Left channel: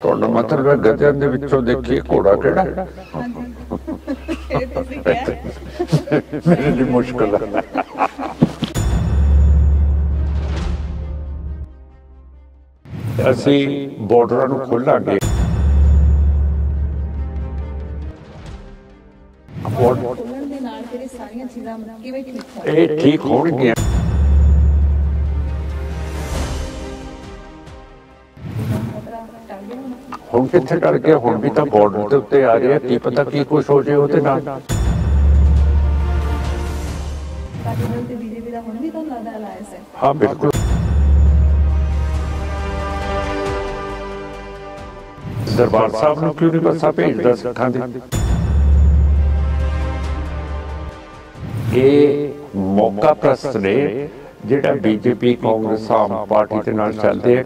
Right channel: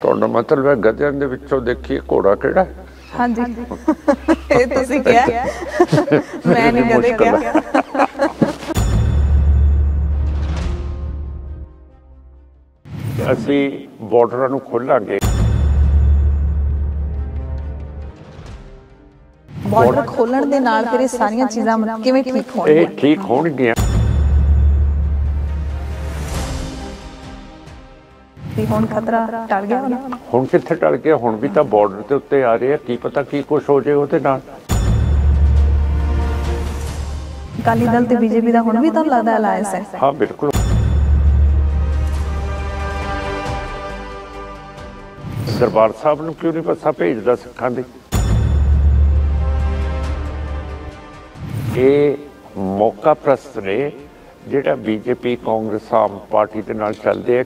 ਤੁਹਾਡਾ ਮਤਲਬ ਹੈ ਗਧਿਆਂ ਦੇ ਵਿੱਚੋਂ ਦੇਖੀਏ ਘੋੜਾ ਕਿਹੜਾ? ਹਾਂਜੀ ਇਹ ਤੁਸੀਂ ਕਿਹਾ ਮੈਂ ਨਹੀਂ ਮੁਸ਼ਕਲ ਕਿਹਾ। ਅਸੀਂ ਬਾਰਡਰਾਂ ਨੂੰ ਖੋਲਾਂਗੇ। ਬਾਰਡਰ ਖੋਲਣ ਦੇ ਨਾਲ ਫਿਰ ਇਹ ਸਾਰੀਆਂ ਚੀਜ਼ਾਂ ਕਿਵੇਂ ਠੀਕ ਹੋਣਗੀਆਂ? ਇਹ ਠੀਕ ਹੋਣਗੀਆਂ। ਹੁਣ ਖਤਰਾ ਟਲ ਗਿਆ ਹੋਣਾ। ਹੁਣ ਕਿੱਥੇ ਟਲ ਗਿਆ? ਹੁਣ ਵੀ ਤਾਂ ਬਾਰਡਰ ਦੇ ਉੱਤੇ ਆ ਰਹੇ ਆ, ਕੀ ਪਤਾ ਕੀ ਕੁਛ ਹੋ ਜਾਏ ਉਹਦੇ ਨਾਲ। ਅਕਾਲੀ ਦਲ ਤੇ ਬੀਜੇਪੀ ਦਾ ਹੁਣ ਵੀ ਤਾਂ ਲੱਗਦਾ ਅਲਾਇੰਸ ਹੈ। ਹਾਂ ਬਿਲਕੁਲ। ਦਰਬਾਰ ਸਾਹਿਬ ਨੂੰ ਕਿਉਂ ਨਹੀਂ ਬੱਸਾਂ ਭੇਜਦਾ ਸਿੱਖਾਂ ਦੀ? ਇਹ ਮੌਕਾ ਪ੍ਰਸਤ ਨੇ ਜਿਹੜਾ ਬੀਜੇਪੀ ਕਾਂਗਰਸ ਆਮ ਪਾਰਟੀ ਦੇ ਨਾਲ ਚੱਲਦੇ ਆ।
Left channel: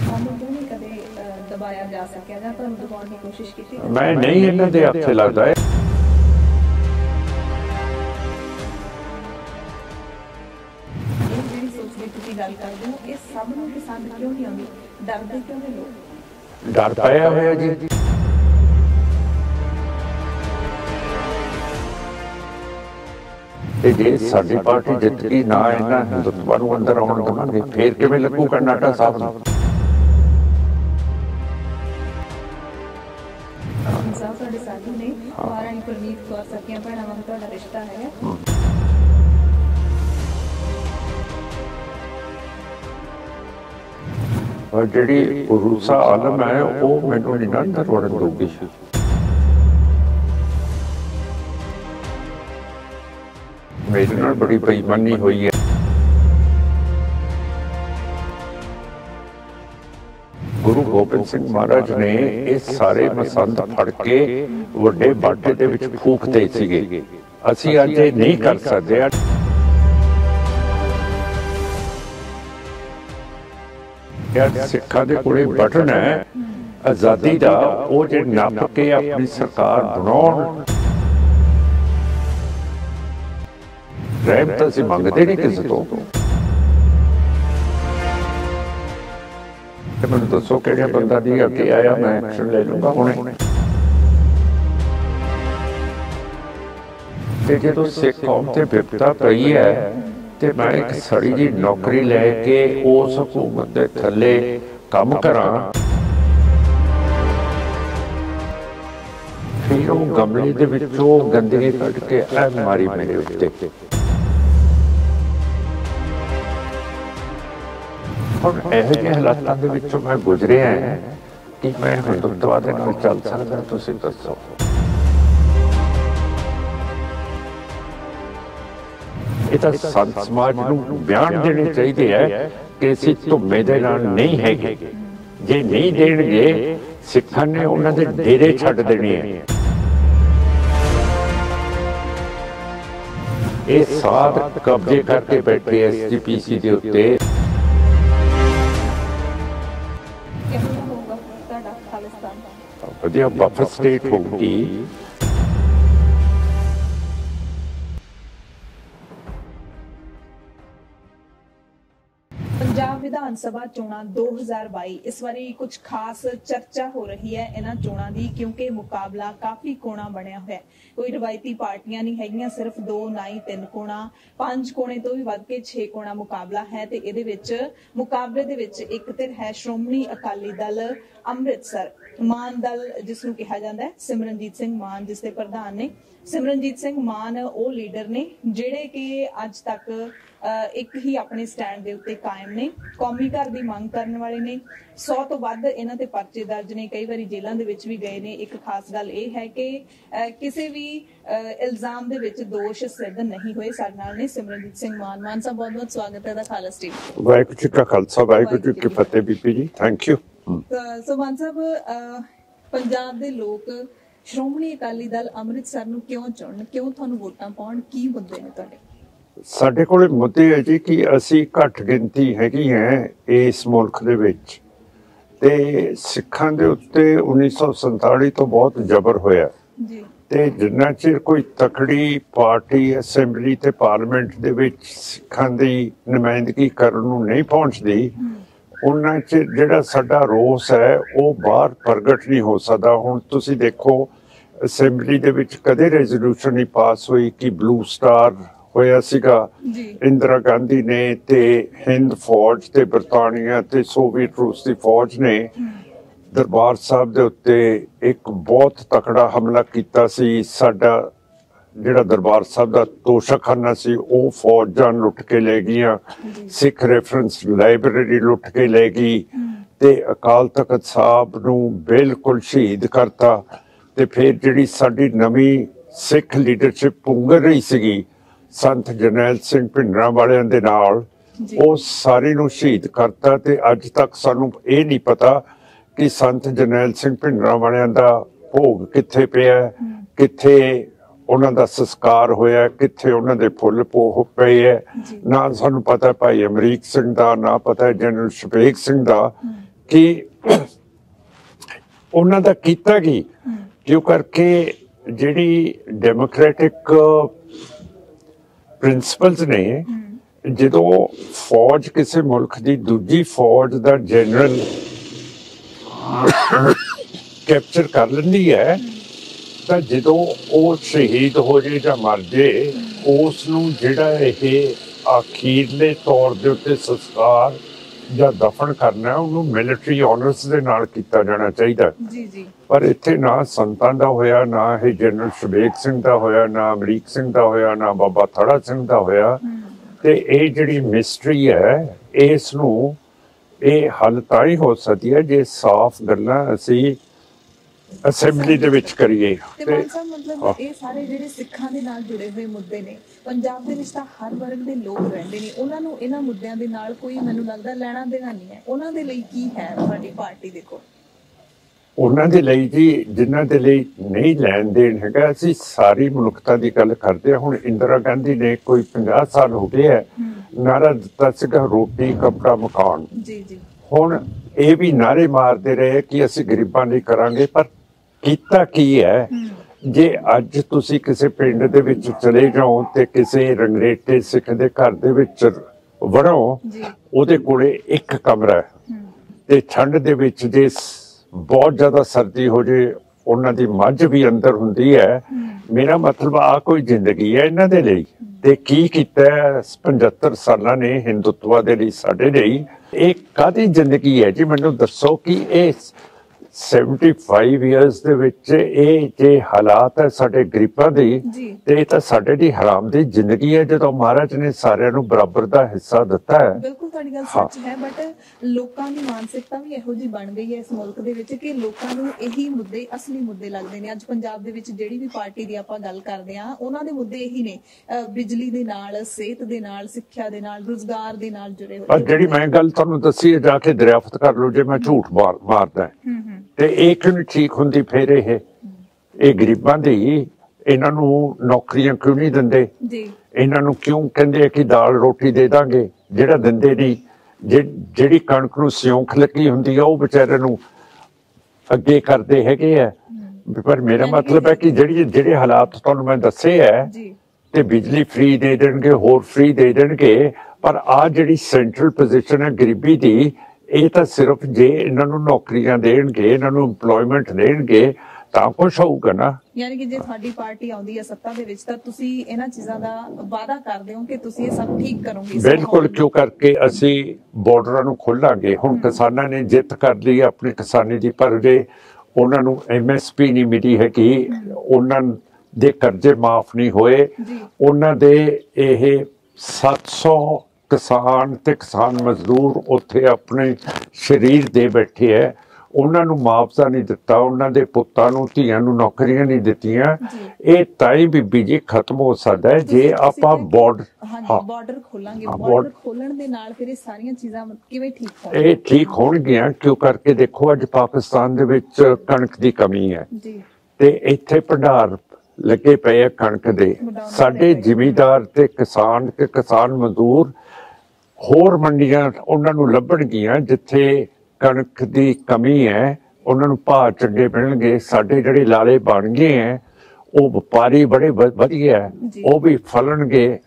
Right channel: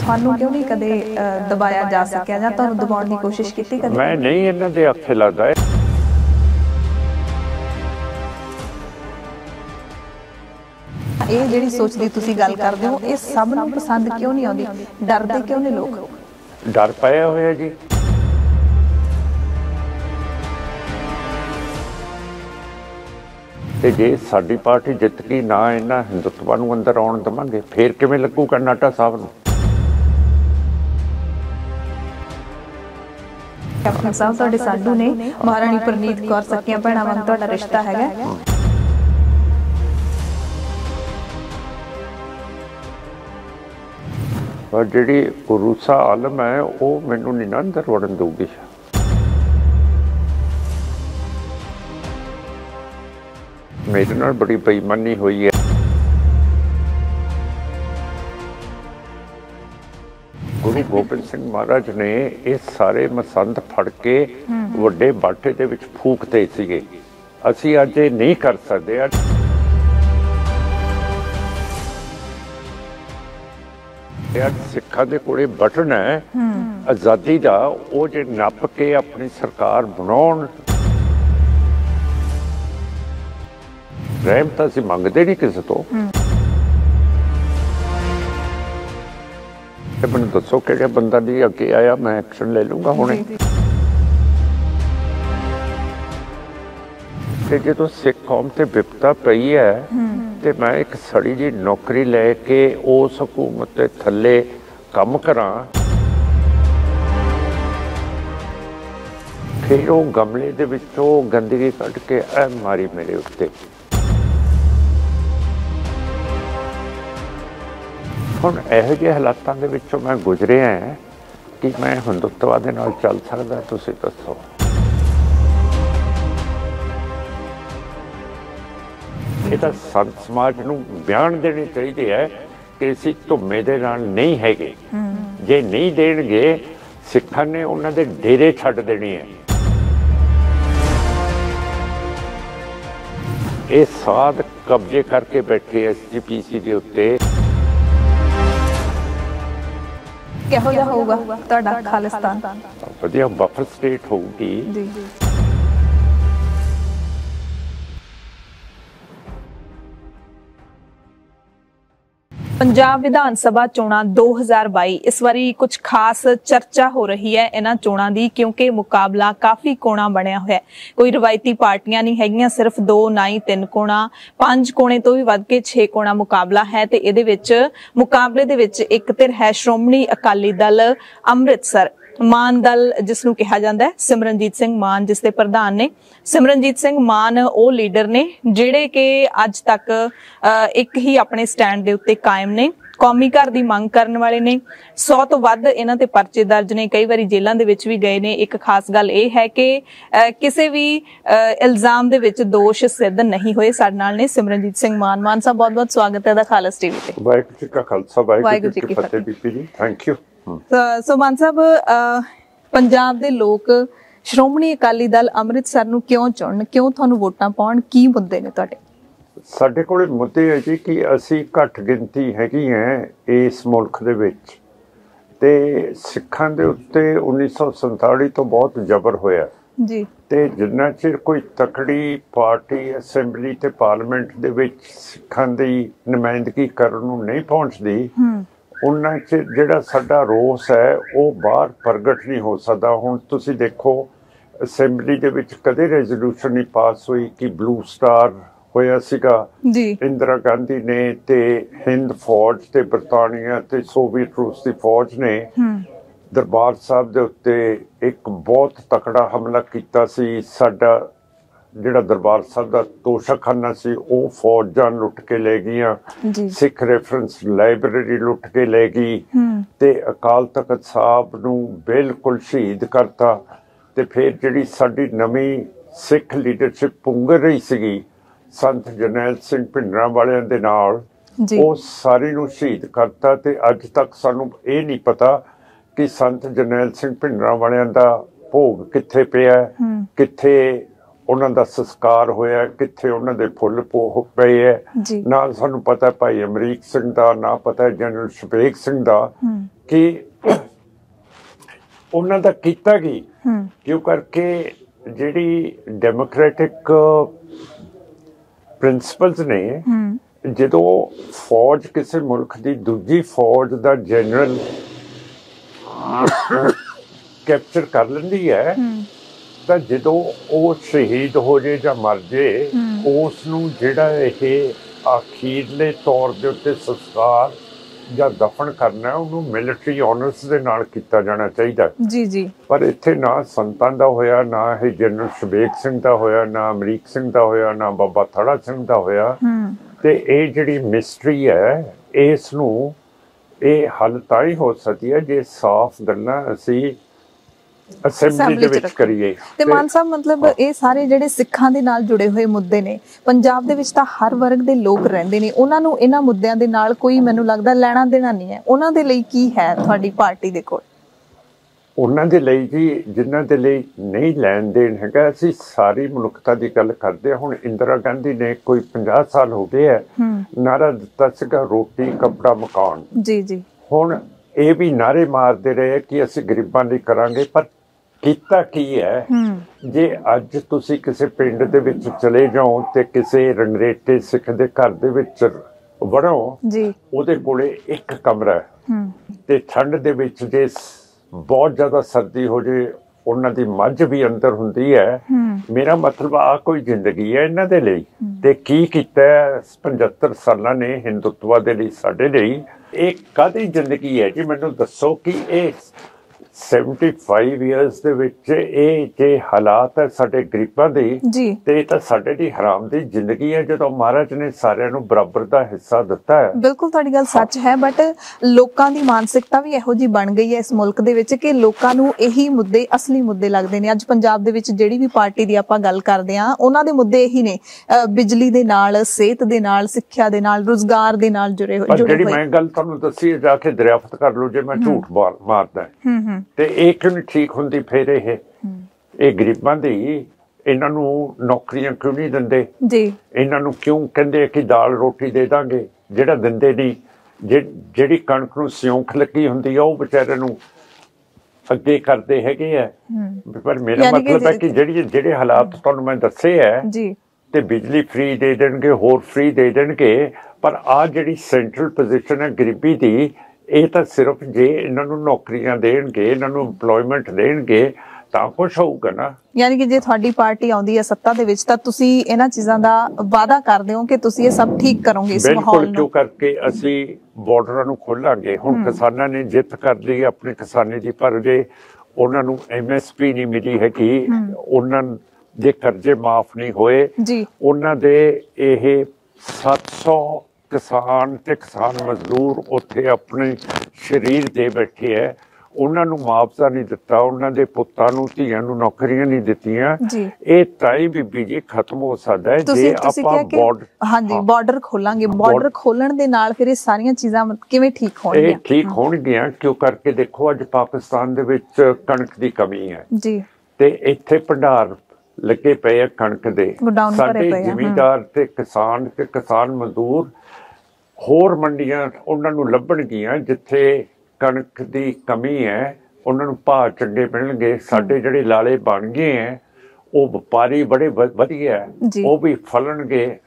ਤੁਹਾਨੂੰ ਕਿਉਂ ਨਹੀਂ ਕਦੇ ਦਬਾਇਆ ਜਾ ਸਕਿਆ ਜਾਂ ਤੁਹਾਨੂੰ ਦਬਾਉਣ ਦੀ ਕੋਸ਼ਿਸ਼ ਕੀਤੀ ਕਦੇ? ਮੈਂ ਨਹੀਂ ਇਹਨਾਂ ਦੇ ਆਖੇ ਲੱਗਦਾ। ਇਹ ਜਿਹੜੀ ਸੋਚ ਦੀ ਤੁਸੀਂ ਗੱਲ ਕਰਦੇ ਹੋ ਇਹ ਸਭ ਨੂੰ ਪਸੰਦ ਕਿਉਂ ਨਹੀਂ ਆਉਂਦੀ? ਡਰਦੇ ਕਿਉਂ ਨੇ ਲੋਕ? ਡਰ ਪਾਇਆ ਹੋਇਆ ਜੀ। ਤੇ ਜੇ ਸਾਡੀ ਪਾਰਟੀ ਜਿੱਤ ਗਈ ਨਾ ਇਹਨਾਂ ਹਿੰਦੁਤਵਾ ਨੂੰ ਅੰਦਰ ਆਉਣ ਦੇਵਾਂਗੇ ਫੇਰ ਕਿਵੇਂ ਲੱਗੂ ਕਰਨਾਟਾ ਸਾਹਿਬ ਨੂੰ? ਕੈਪਟਨ ਸਾਹਿਬ ਤੁਹਾਡੇ ਸਾਧੂ ਨੇ, ਮਹਾਰਾਣੀ ਪ੍ਰਨੀਤ ਕੌਰ ਸਕੀਆਂ ਭੈਣਾਂ ਵਾਂਗ ਤੁਹਾਡਾ ਰਿਸ਼ਤਾ ਹੈਗਾ। ਪਰ ਜਿਹੜੀ ਰੂਸਾ ਆਲਮ ਹੈ ਉਹ ਮੈਨੂੰ ਨਹੀਂ ਅੰਦਰ ਵੜਨ ਦਊਗੀ। ਮੇਰੇ ਨਾਲ ਬੜੀ ਬੇਈਮਾਨੀ ਹੋਈ ਹੈ। ਗੁਰੂ ਗੋਬਿੰਦ ਸਿੰਘ ਮਹਾਰਾਜ ਨੇ ਇਹ ਸਾਰੇ ਮਸੰਦ ਫੜ ਕੇ ਵੱਡੇ ਬਾਟੇ ਦੇ ਵਿੱਚ ਫੂਕਦੇ ਸੀਗੇ। ਅਸੀਂ ਅੱਜ ਇਹ ਨਹੀਂ ਕਰ ਸਕਦੇ। ਸਿੱਖਾਂ ਦੇ ਕੋਲੇ ਬਟਨ ਹੈ ਆਜ਼ਾਦੀ ਦਾ, ਉਹ ਜੇ ਨੱਪ ਕੇ ਆਪਣੀ ਸਰਕਾਰ ਬਣਾਉਣ। ਰਹਿਮਤ ਅਸੀਂ ਮੰਗਦੇ ਨਹੀਂ ਕਿਸੇ ਤੋਂ। ਤੇ ਮੈਨੂੰ ਦੱਸੋ ਕਿਹੜਾ ਬੰਦਾ ਨਹੀਂ ਅੱਗੇ ਆਇਆ, ਮੈਂ ਐਕਸ਼ਨ ਲੈ ਲੂੰਗਾ ਹੁਣੇ। ਤੇ ਜਦੋਂ ਸਿੱਖ ਕੌਮ ਤੇ ਵਿਪਤਾ ਪਈ ਹੈ ਤੇ ਮੈਂ ਇੱਕ ਸੜੀ ਜੀ ਨੌਕਰੀ ਲੈ ਕੇ ਉਸ ਹਕੂਮਤ ਦੇ ਥੱਲੇ ਕੰਮ ਕਰਾਂ, ਫਿਰ ਉਹ ਗਮਲੇ ਦੇ ਵਿੱਚੋਂ ਗੰਦਗੀ ਕੱਢ ਕੇ ਐ ਮਾਰੀ ਮੇਰੇ ਉੱਤੇ। ਹੁਣ ਇਹੋ ਜਿਹੇ ਹਾਲਾਤਾਂ ਦੇ ਵਿੱਚੋਂ ਮੈਂ ਗੁਜ਼ਰਿਆ ਕਿ ਮੈਂ ਹਿੰਦੁਤਵਾ ਦੇ ਨਾਲ ਚੱਲ ਸਕਦਾ? ਤੁਸੀਂ ਦੱਸੋ। ਇਹ ਤਾਂ ਸੰਤ ਸਮਾਜ ਨੂੰ ਬਿਆਨ ਦੇਣੇ ਚਾਹੀਦੇ ਹੈ ਕਿ ਅਸੀਂ ਧੁੰਮੇ ਦੇ ਨਾਲ ਨਹੀਂ ਹੈਗੇ। ਜੇ ਨਹੀਂ ਦੇਣਗੇ ਸਿੱਖਾਂ ਨੇ ਉਹਨਾਂ ਦੇ ਡੇਰੇ ਛੱਡ ਦੇਣੇ ਹੈ। ਇਹ ਸਾਧ ਕਬਜ਼ੇ ਕਰਕੇ ਬੈਠੇ ਐਸਜੀਪੀਸੀ ਦੇ ਉੱਤੇ। ਕਿਹੋ ਜਿਹਾ ਹੋਊਗਾ ਤੁਹਾਡਾ ਖਾਲਿਸਤਾਨ? ਵਧੀਆ ਬਫਰ ਸਟੇਟ ਹੋਊਗੀ। ਪੰਜਾਬ ਵਿਧਾਨ ਸਭਾ ਚੋਣਾਂ 2022 ਇਸ ਵਾਰੀ ਕੁਝ ਖਾਸ ਚਰਚਾ ਹੋ ਰਹੀ ਹੈ ਇਹਨਾਂ ਚੋਣਾਂ ਦੀ, ਕਿਉਂਕਿ ਮੁਕਾਬਲਾ ਕਾਫੀ ਕੋਣਾ ਬਣਿਆ ਹੋਇਆ ਹੈ। ਕੋਈ ਰਵਾਇਤੀ ਪਾਰਟੀਆਂ ਨਹੀਂ ਹੈਗੀਆਂ, ਸਿਰਫ 2 ਨਾ ਹੀ 3 ਕੋਣਾ, 5 ਕੋਣੇ ਤੋਂ ਵੀ ਵੱਧ ਕੇ 6 ਕੋਣਾ ਮੁਕਾਬਲਾ ਹੈ। ਤੇ ਇਹਦੇ ਵਿੱਚ ਮੁਕਾਬਲੇ ਦੇ ਵਿੱਚ ਇੱਕ ਧਿਰ ਹੈ ਸ਼੍ਰੋਮਣੀ ਅਕਾਲੀ ਦਲ ਅੰਮ੍ਰਿਤਸਰ, ਮਾਨ ਦਲ ਜਿਸ ਨੂੰ ਕਿਹਾ ਜਾਂਦਾ ਹੈ, ਸਿਮਰਨਜੀਤ ਸਿੰਘ ਮਾਨ ਜਿਸ ਦੇ ਪ੍ਰਧਾਨ ਨੇ। ਸਿਮਰਨਜੀਤ ਸਿੰਘ ਮਾਨ ਉਹ ਲੀਡਰ ਨੇ ਜਿਹੜੇ ਕਿ ਅੱਜ ਤੱਕ ਇੱਕ ਹੀ ਆਪਣੇ ਸਟੈਂਡ ਦੇ ਉੱਤੇ ਕਾਇਮ ਨੇ, ਕੌਮੀ ਘਰ ਦੀ ਮੰਗ ਕਰਨ ਵਾਲੇ ਨੇ। 100 ਤੋਂ ਵੱਧ ਇਹਨਾਂ ਤੇ ਪਰਚੇ ਦਰਜ ਨੇ, ਕਈ ਵਾਰੀ ਜੇਲ੍ਹਾਂ ਦੇ ਵਿੱਚ ਵੀ ਗਏ ਨੇ। ਇੱਕ ਖਾਸ ਗੱਲ ਇਹ ਹੈ ਕਿ ਕਿਸੇ ਵੀ ਇਲਜ਼ਾਮ ਦੇ ਵਿੱਚ ਦੋਸ਼ ਸਿੱਧ ਨਹੀਂ ਹੋਏ। ਸਾਡੇ ਨਾਲ ਨੇ ਸਿਮਰਨਜੀਤ ਸਿੰਘ ਮਾਨ। ਮਾਨ ਸਾਹਿਬ ਬਹੁਤ ਬਹੁਤ ਸਵਾਗਤ ਹੈ ਦਾ ਖਾਲਸ ਟੀਵੀ ਤੇ। ਵਾਹਿਗੁਰੂ ਜੀ ਕਾ ਖਾਲਸਾ ਵਾਹਿਗੁਰੂ ਜੀ ਕੀ ਫਤਿਹ। ਬੀਬੀ ਜੀ ਥੈਂਕ ਯੂ। ਸੋ ਮਾਨ ਸਾਹਿਬ, ਪੰਜਾਬ ਦੇ ਲੋਕ ਸ਼੍ਰੋਮਣੀ ਅਕਾਲੀ ਦਲ ਅੰਮ੍ਰਿਤਸਰ ਨੂੰ ਕਿਉਂ ਚੁਣਨ, ਕਿਉਂ ਤੁਹਾਨੂੰ ਵੋਟਾਂ ਪਾਉਣ, ਕੀ ਮੁੱਦੇ ਨੇ ਤੁਹਾਡੇ? ਸਾਡੇ ਕੋਲ ਮੁੱਦੇ ਹੈ ਜੀ ਕਿ ਅਸੀਂ ਘੱਟ ਗਿਣਤੀ ਹੈਗੀ ਹੈ ਇਸ ਮੁਲਕ ਦੇ ਵਿੱਚ, ਤੇ ਸਿੱਖਾਂ ਦੇ ਉੱਤੇ 1947 ਤੋਂ ਬਹੁਤ ਜ਼ਬਰ ਹੋਇਆ ਜੀ। ਤੇ ਜਿੰਨਾ ਚਿਰ ਕੋਈ ਤਕੜੀ ਪਾਰਟੀ ਅਸੈਂਬਲੀ ਤੇ ਪਾਰਲੀਮੈਂਟ ਦੇ ਵਿੱਚ ਸਿੱਖਾਂ ਦੀ ਨੁਮਾਇੰਦਗੀ ਕਰਨ ਨੂੰ ਨਹੀਂ ਪਹੁੰਚਦੀ, ਉਹਨਾਂ ਚ ਜਿਹੜਾ ਸਾਡਾ ਰੋਸ ਹੈ ਉਹ ਬਾਹਰ ਪ੍ਰਗਟ ਨਹੀਂ ਹੋ ਸਕਦਾ। ਹੁਣ ਤੁਸੀਂ ਦੇਖੋ ਅਸੈਂਬਲੀ ਦੇ ਵਿੱਚ ਕਦੇ ਰੈਜ਼ੋਲੂਸ਼ਨ ਨਹੀਂ ਪਾਸ ਹੋਈ ਕਿ ਬਲੂ ਸਟਾਰ ਹੋਇਆ ਸੀਗਾ ਇੰਦਰਾ ਗਾਂਧੀ ਨੇ ਤੇ ਹਿੰਦ ਫੌਜ ਤੇ ਬਰਤਾਨੀਆ ਤੇ ਸੋਵੀਅਤ ਰੂਸ ਦੀ ਫੌਜ ਨੇ ਦਰਬਾਰ ਸਾਹਿਬ ਦੇ ਉੱਤੇ ਇੱਕ ਬਹੁਤ ਤਕੜਾ ਹਮਲਾ ਕੀਤਾ ਸੀ। ਸਾਡਾ ਜਿਹੜਾ ਦਰਬਾਰ ਸਾਹਿਬ ਦਾ ਤੋਸ਼ਾਖਾਨਾ ਸੀ ਉਹ ਫੌਜਾਂ ਲੁੱਟ ਕੇ ਲੈ ਗਈਆਂ, ਸਿੱਖ ਰੈਫਰੈਂਸ ਲਾਇਬ੍ਰੇਰੀ ਲੁੱਟ ਕੇ ਲੈ ਗਈ ਤੇ ਅਕਾਲ ਤਖਤ ਸਾਹਿਬ ਨੂੰ ਬਿਲਕੁਲ ਸ਼ਹੀਦ ਕਰਤਾ। ਤੇ ਫਿਰ ਜਿਹੜੀ ਸਾਡੀ ਨਵੀਂ ਸਿੱਖ ਲੀਡਰਸ਼ਿਪ ਪੁੰਗਰ ਰਹੀ ਸੀਗੀ ਸੰਤ ਜਰਨੈਲ ਸਿੰਘ ਭਿੰਡਰਾਂ ਵਾਲਿਆਂ ਦੇ ਨਾਲ, ਉਹ ਸਾਰੇ ਨੂੰ ਸ਼ਹੀਦ ਕਰਤਾ। ਤੇ ਅੱਜ ਤੱਕ ਸਾਨੂੰ ਇਹ ਨਹੀਂ ਪਤਾ ਕਿ ਸੰਤ ਜਰਨੈਲ ਸਿੰਘ ਭਿੰਡਰਾਂ ਵਾਲਿਆਂ ਦਾ ਭੋਗ ਕਿੱਥੇ ਪਿਆ, ਕਿੱਥੇ ਉਹਨਾਂ ਦਾ ਸੰਸਕਾਰ ਹੋਇਆ, ਕਿੱਥੇ ਉਹਨਾਂ ਦੇ ਫੁੱਲ ਪਏ ਹੈ। ਨਾ ਸਾਨੂੰ ਪਤਾ ਭਾਈ ਅਮਰੀਕ ਸਿੰਘ ਦਾ, ਨਾ ਪਤਾ ਜਨਰਲ ਸ਼ਬੇਗ ਸਿੰਘ ਦਾ ਕਿ ਉਹਨਾਂ ਦਾ ਕੀਤਾ ਕੀ। ਕਿਉਂ ਕਰਕੇ ਜਿਹੜੀ ਡੈਮੋਕ੍ਰੈਟਿਕ ਪ੍ਰਿੰਸੀਪਲਸ ਨੇ, ਜਦੋਂ ਫੌਜ ਕਿਸੇ ਮੁਲਕ ਦੀ ਦੂਜੀ ਫੌਜ ਦਾ ਜਨਰਲ ਕੈਪਚਰ ਕਰ ਲੈਂਦੀ ਹੈ ਤਾਂ ਜਦੋਂ ਉਹ ਸ਼ਹੀਦ ਹੋ ਜੇ ਜਾਂ ਮਰ ਜੇ, ਉਸ ਨੂੰ ਜਿਹੜਾ ਇਹ ਅਖੀਰਲੇ ਤੌਰ ਦੇ ਉੱਤੇ ਸੰਸਕਾਰ ਜਾਂ ਦਫਨ ਕਰਨਾ ਉਹਨੂੰ ਮਿਲਟਰੀ ਆਨਰਸ ਦੇ ਨਾਲ ਕੀਤਾ ਜਾਣਾ ਚਾਹੀਦਾ। ਪਰ ਇੱਥੇ ਨਾ ਸੰਤਾਂ ਦਾ ਹੋਇਆ, ਨਾ ਇਹ ਜਨਰਲ ਸ਼ਬੇਗ ਸਿੰਘ ਦਾ ਹੋਇਆ, ਨਾ ਅਮਰੀਕ ਸਿੰਘ ਦਾ ਹੋਇਆ, ਨਾ ਬਾਬਾ ਥੜਾ ਸਿੰਘ ਦਾ ਹੋਇਆ। ਤੇ ਇਹ ਜਿਹੜੀ ਮਿਸਟਰੀ ਹੈ, ਇਸ ਨੂੰ ਇਹ ਹੱਲ ਤਾਂ ਹੀ ਹੋ ਸਕਦੀ ਹੈ ਜੇ ਸਾਫ਼ ਗੱਲਾਂ ਅਸੀਂ ਅਸੈਂਬਲੀ ਦੇ ਵਿੱਚ ਕਰੀਏ। ਤੇ ਮਾਨ ਸਾਹਿਬ, ਮਤਲਬ ਇਹ ਸਾਰੇ ਜਿਹੜੇ ਸਿੱਖਾਂ ਦੇ ਨਾਲ ਜੁੜੇ ਹੋਏ ਮੁੱਦੇ ਨੇ, ਪੰਜਾਬ ਦੇ ਵਿੱਚ ਤਾਂ ਹਰ ਵਰਗ ਦੇ ਲੋਕ ਰਹਿੰਦੇ ਨੇ, ਉਹਨਾਂ ਨੂੰ ਇਹਨਾਂ ਮੁੱਦਿਆਂ ਦੇ ਨਾਲ ਕੋਈ ਮੈਨੂੰ ਲੱਗਦਾ ਲੈਣਾ ਦੇਣਾ ਨਹੀਂ ਹੈ। ਉਹਨਾਂ ਦੇ ਲਈ ਕੀ ਹੈ ਤੁਹਾਡੀ ਪਾਰਟੀ ਦੇ ਕੋਲ? ਉਹਨਾਂ ਦੇ ਲਈ ਜੀ, ਜਿਨ੍ਹਾਂ ਦੇ ਲਈ ਨਹੀਂ ਲੈਣ ਦੇਣ ਹੈਗਾ, ਅਸੀਂ ਸਾਰੀ ਮਨੁੱਖਤਾ ਦੀ ਗੱਲ ਕਰਦੇ ਹਾਂ। ਹੁਣ ਇੰਦਰਾ ਗਾਂਧੀ ਨੇ ਕੋਈ 50 ਸਾਲ ਹੋ ਗਏ ਹੈ ਨਾਰਾ ਦਿੱਤਾ ਸੀਗਾ ਰੋਟੀ ਕੱਪੜਾ ਮਕਾਨ। ਹੁਣ ਇਹ ਵੀ ਨਾਰੇ ਮਾਰਦੇ ਰਹੇ ਕਿ ਅਸੀਂ ਗਰੀਬਾਂ ਲਈ ਕਰਾਂਗੇ, ਪਰ ਕੀਤਾ ਕੀ ਹੈ? ਜੇ ਅੱਜ ਤੁਸੀਂ ਕਿਸੇ ਪਿੰਡ ਦੇ ਵਿੱਚ ਚਲੇ ਜਾਓ ਤੇ ਕਿਸੇ ਰੰਗਰੇਟੇ ਸਿੱਖ ਦੇ ਘਰ ਦੇ ਵਿੱਚ ਵੜੋ, ਉਹਦੇ ਕੋਲੇ ਇੱਕ ਕਮਰਾ ਹੈ ਤੇ ਠੰਡ ਦੇ ਵਿੱਚ ਜੇ ਬਹੁਤ ਜ਼ਿਆਦਾ ਸਰਦੀ ਹੋ ਜੇ, ਉਹਨਾਂ ਦੀ ਮੱਝ ਵੀ ਅੰਦਰ ਹੁੰਦੀ ਹੈ। ਮੇਰਾ ਮਤਲਬ ਆ ਕੋਈ ਜ਼ਿੰਦਗੀ ਹੈ ਇਹਨਾਂ ਦੇ ਲਈ? ਤੇ ਕੀ ਕੀਤਾ 75 ਸਾਲਾਂ ਨੇ ਹਿੰਦੂਤਵਾ ਦੇ ਲਈ, ਸਾਡੇ ਲਈ? ਇਹ ਕਾਹਦੀ ਜ਼ਿੰਦਗੀ ਹੈ ਜੀ? ਮੈਨੂੰ ਦੱਸੋ ਕਿ ਇਹ 75 ਇਅਰਸ ਦੇ ਵਿੱਚ ਇਹ ਜੇ ਹਾਲਾਤ ਹੈ ਸਾਡੇ ਗਰੀਬਾਂ ਦੀ, ਤੇ ਇਹ ਤਾਂ ਸਾਡੇ ਦੀ ਹਰਾਮ ਦੀ ਜ਼ਿੰਦਗੀ ਹੈ ਜਦੋਂ ਮਹਾਰਾਜ ਨੇ ਸਾਰਿਆਂ ਨੂੰ ਬਰਾਬਰ ਦਾ ਹਿੱਸਾ ਦਿੱਤਾ ਹੈ। ਬਿਲਕੁਲ ਤੁਹਾਡੀ ਗੱਲ ਸੱਚ ਹੈ, ਬਟ ਲੋਕਾਂ ਦੀ ਮਾਨਸਿਕਤਾ ਵੀ ਇਹੋ ਜਿਹੀ ਬਣ ਗਈ ਹੈ ਇਸ ਮੁਲਕ ਦੇ ਵਿੱਚ ਕਿ ਲੋਕਾਂ ਨੂੰ ਇਹੀ ਮੁੱਦੇ ਅਸਲੀ ਮੁੱਦੇ ਲੱਗਦੇ ਨੇ। ਅੱਜ ਪੰਜਾਬ ਦੇ ਵਿੱਚ ਜਿਹੜੀ ਵੀ ਪਾਰਟੀ ਦੀ ਆਪਾਂ ਗੱਲ ਕਰਦੇ ਹਾਂ, ਉਹਨਾਂ ਦੇ ਮੁੱਦੇ ਇਹੀ ਨੇ, ਬਿਜਲੀ ਦੇ ਨਾਲ, ਸਿਹਤ ਦੇ ਨਾਲ, ਸਿੱਖਿਆ ਦੇ ਨਾਲ, ਰੁਜ਼ਗਾਰ ਦੇ ਨਾਲ ਜੁੜੇ ਹੋਏ। ਜਿਹੜੀ ਮੈਂ ਗੱਲ ਤੁਹਾਨੂੰ ਦੱਸੀ ਜਾ ਕੇ ਦਰਿਆਫਤ ਕਰ ਲਓ, ਜੇ ਮੈਂ ਝੂਠ ਮਾਰਦਾ ਤੇ ਇਹ ਕਿਉਂ ਨਹੀਂ ਠੀਕ ਹੁੰਦੀ? ਫਿਰ ਇਹ ਗਰੀਬਾਂ ਦੀ, ਇਹਨਾਂ ਨੂੰ ਨੌਕਰੀਆਂ ਕਿਉਂ ਨਹੀਂ ਦਿੰਦੇ? ਇਹਨਾਂ ਨੂੰ ਕਿਉਂ ਕਹਿੰਦੇ ਕਿ ਦਾਲ ਰੋਟੀ ਦੇ ਦਾਂਗੇ, ਜਿਹੜਾ ਦਿੰਦੇ ਨਹੀਂ? ਜਿਹੜੀ ਕਣਕ ਨੂੰ ਸਿਉਂਖ ਲੱਗੀ ਹੁੰਦੀ ਆ ਉਹ ਵਿਚਾਰੇ ਨੂੰ ਅੱਗੇ ਕਰਦੇ ਹੈਗੇ ਆ। ਪਰ ਮੇਰਾ ਮਤਲਬ ਹੈ ਕਿ ਜਿਹੜੇ ਹਾਲਾਤ ਤੁਹਾਨੂੰ ਮੈਂ ਦੱਸੇ ਹੈ, ਤੇ ਬਿਜਲੀ ਫ੍ਰੀ ਦੇ ਦੇਣਗੇ, ਹੋਰ ਫ੍ਰੀ ਦੇ ਦੇਣਗੇ, ਪਰ ਆ ਜਿਹੜੀ ਸੈਂਟਰਲ ਪੋਜੀਸ਼ਨ ਹੈ ਗਰੀਬੀ ਦੀ, ਇਹ ਤਾਂ ਸਿਰਫ ਜੇ ਇਹਨਾਂ ਨੂੰ ਨੌਕਰੀਆਂ ਦੇਣਗੇ, ਇਹਨਾਂ ਨੂੰ ਇੰਪਲੋਇਮੈਂਟ ਦੇਣਗੇ ਤਾਂ ਕੁਛ ਹੋਊਗਾ ਨਾ। ਯਾਨੀ ਕਿ ਜੇ ਤੁਹਾਡੀ ਪਾਰਟੀ ਆਉਂਦੀ ਹੈ ਸੱਤਾ ਦੇ ਵਿੱਚ ਤਾਂ ਤੁਸੀਂ ਇਹਨਾਂ ਚੀਜ਼ਾਂ ਦਾ ਵਾਅਦਾ ਕਰਦੇ ਹੋ ਕਿ ਤੁਸੀਂ ਇਹ ਸਭ ਠੀਕ ਕਰੋਗੇ ਇਸ ਮਾਹੌਲ ਨੂੰ? ਬਿਲਕੁਲ, ਕਿਉਂ ਕਰਕੇ ਅਸੀਂ ਬਾਰਡਰਾਂ ਨੂੰ ਖੋਲਾਂਗੇ। ਹੁਣ ਕਿਸਾਨਾਂ ਨੇ ਜਿੱਤ ਕਰ ਲਈ ਆਪਣੀ ਕਿਸਾਨੀ ਦੀ, ਪਰ ਜੇ ਉਹਨਾਂ ਨੂੰ MSP ਨਹੀਂ ਮਿਲੀ ਹੈ ਕਿ ਉਹਨਾਂ ਦੇ ਕਰਜ਼ੇ ਮਾਫ ਨਹੀਂ ਹੋਏ, ਉਹਨਾਂ ਦੇ ਇਹ 700 ਕਿਸਾਨ ਤੇ ਕਿਸਾਨ ਮਜ਼ਦੂਰ ਉੱਥੇ ਆਪਣੇ ਸਰੀਰ ਦੇ ਬੈਠੇ ਹੈ, ਉਹਨਾਂ ਨੂੰ ਮੁਆਵਜ਼ਾ ਨਹੀਂ ਦਿੱਤਾ, ਉਹਨਾਂ ਦੇ ਪੁੱਤਾਂ ਨੂੰ ਧੀਆਂ ਨੂੰ ਨੌਕਰੀਆਂ ਨਹੀਂ ਦਿੱਤੀਆਂ। ਇਹ ਤਾਈ ਬੀਬੀ ਜੀ ਖਤਮ ਹੋ ਸਕਦਾ ਹੈ ਜੇ ਆਪਾਂ ਬਾਰਡਰ ਖੋਲਾਂਗੇ। ਬਾਰਡਰ ਖੋਲਣ ਦੇ ਨਾਲ ਫਿਰ ਇਹ ਸਾਰੀਆਂ ਚੀਜ਼ਾਂ ਕਿਵੇਂ ਠੀਕ ਹੋਣਗੀਆਂ? ਇਹ ਠੀਕ ਹੋਣਗੀਆਂ ਕਿਉਂ ਕਰਕੇ ਦੇਖੋ ਅੱਜ ਪਾਕਿਸਤਾਨ ਦੇ ਵਿੱਚ ਕਣਕ ਦੀ ਕਮੀ ਹੈ ਤੇ ਇੱਥੇ ਭੰਡਾਰ ਲੱਗੇ ਪਏ ਆ ਕਣਕ ਦੇ। ਸਾਡੇ ਜ਼ਿਮੀਂਦਾਰ ਤੇ ਕਿਸਾਨ ਮਜ਼ਦੂਰ ਹੋਰ ਮੰਡੀਆਂ ਉਹਨਾਂ ਨੂੰ ਲੱਭਣਗੀਆਂ ਜਿੱਥੇ ਕਣਕ ਦੀ ਕਮੀ ਹੈ, ਉਹਨਾਂ ਨੂੰ ਭਾਅ ਚੰਗੇ ਮਿਲਣਗੇ। ਸਾਡੇ ਜਿਹੜੇ ਲਾਲੇ ਬਣ ਗਏ ਹੈ ਉਹ ਵਪਾਰੀ ਬੜੇ ਵਧੀਆ ਉਹ ਵੀ ਫਲਣਗੇ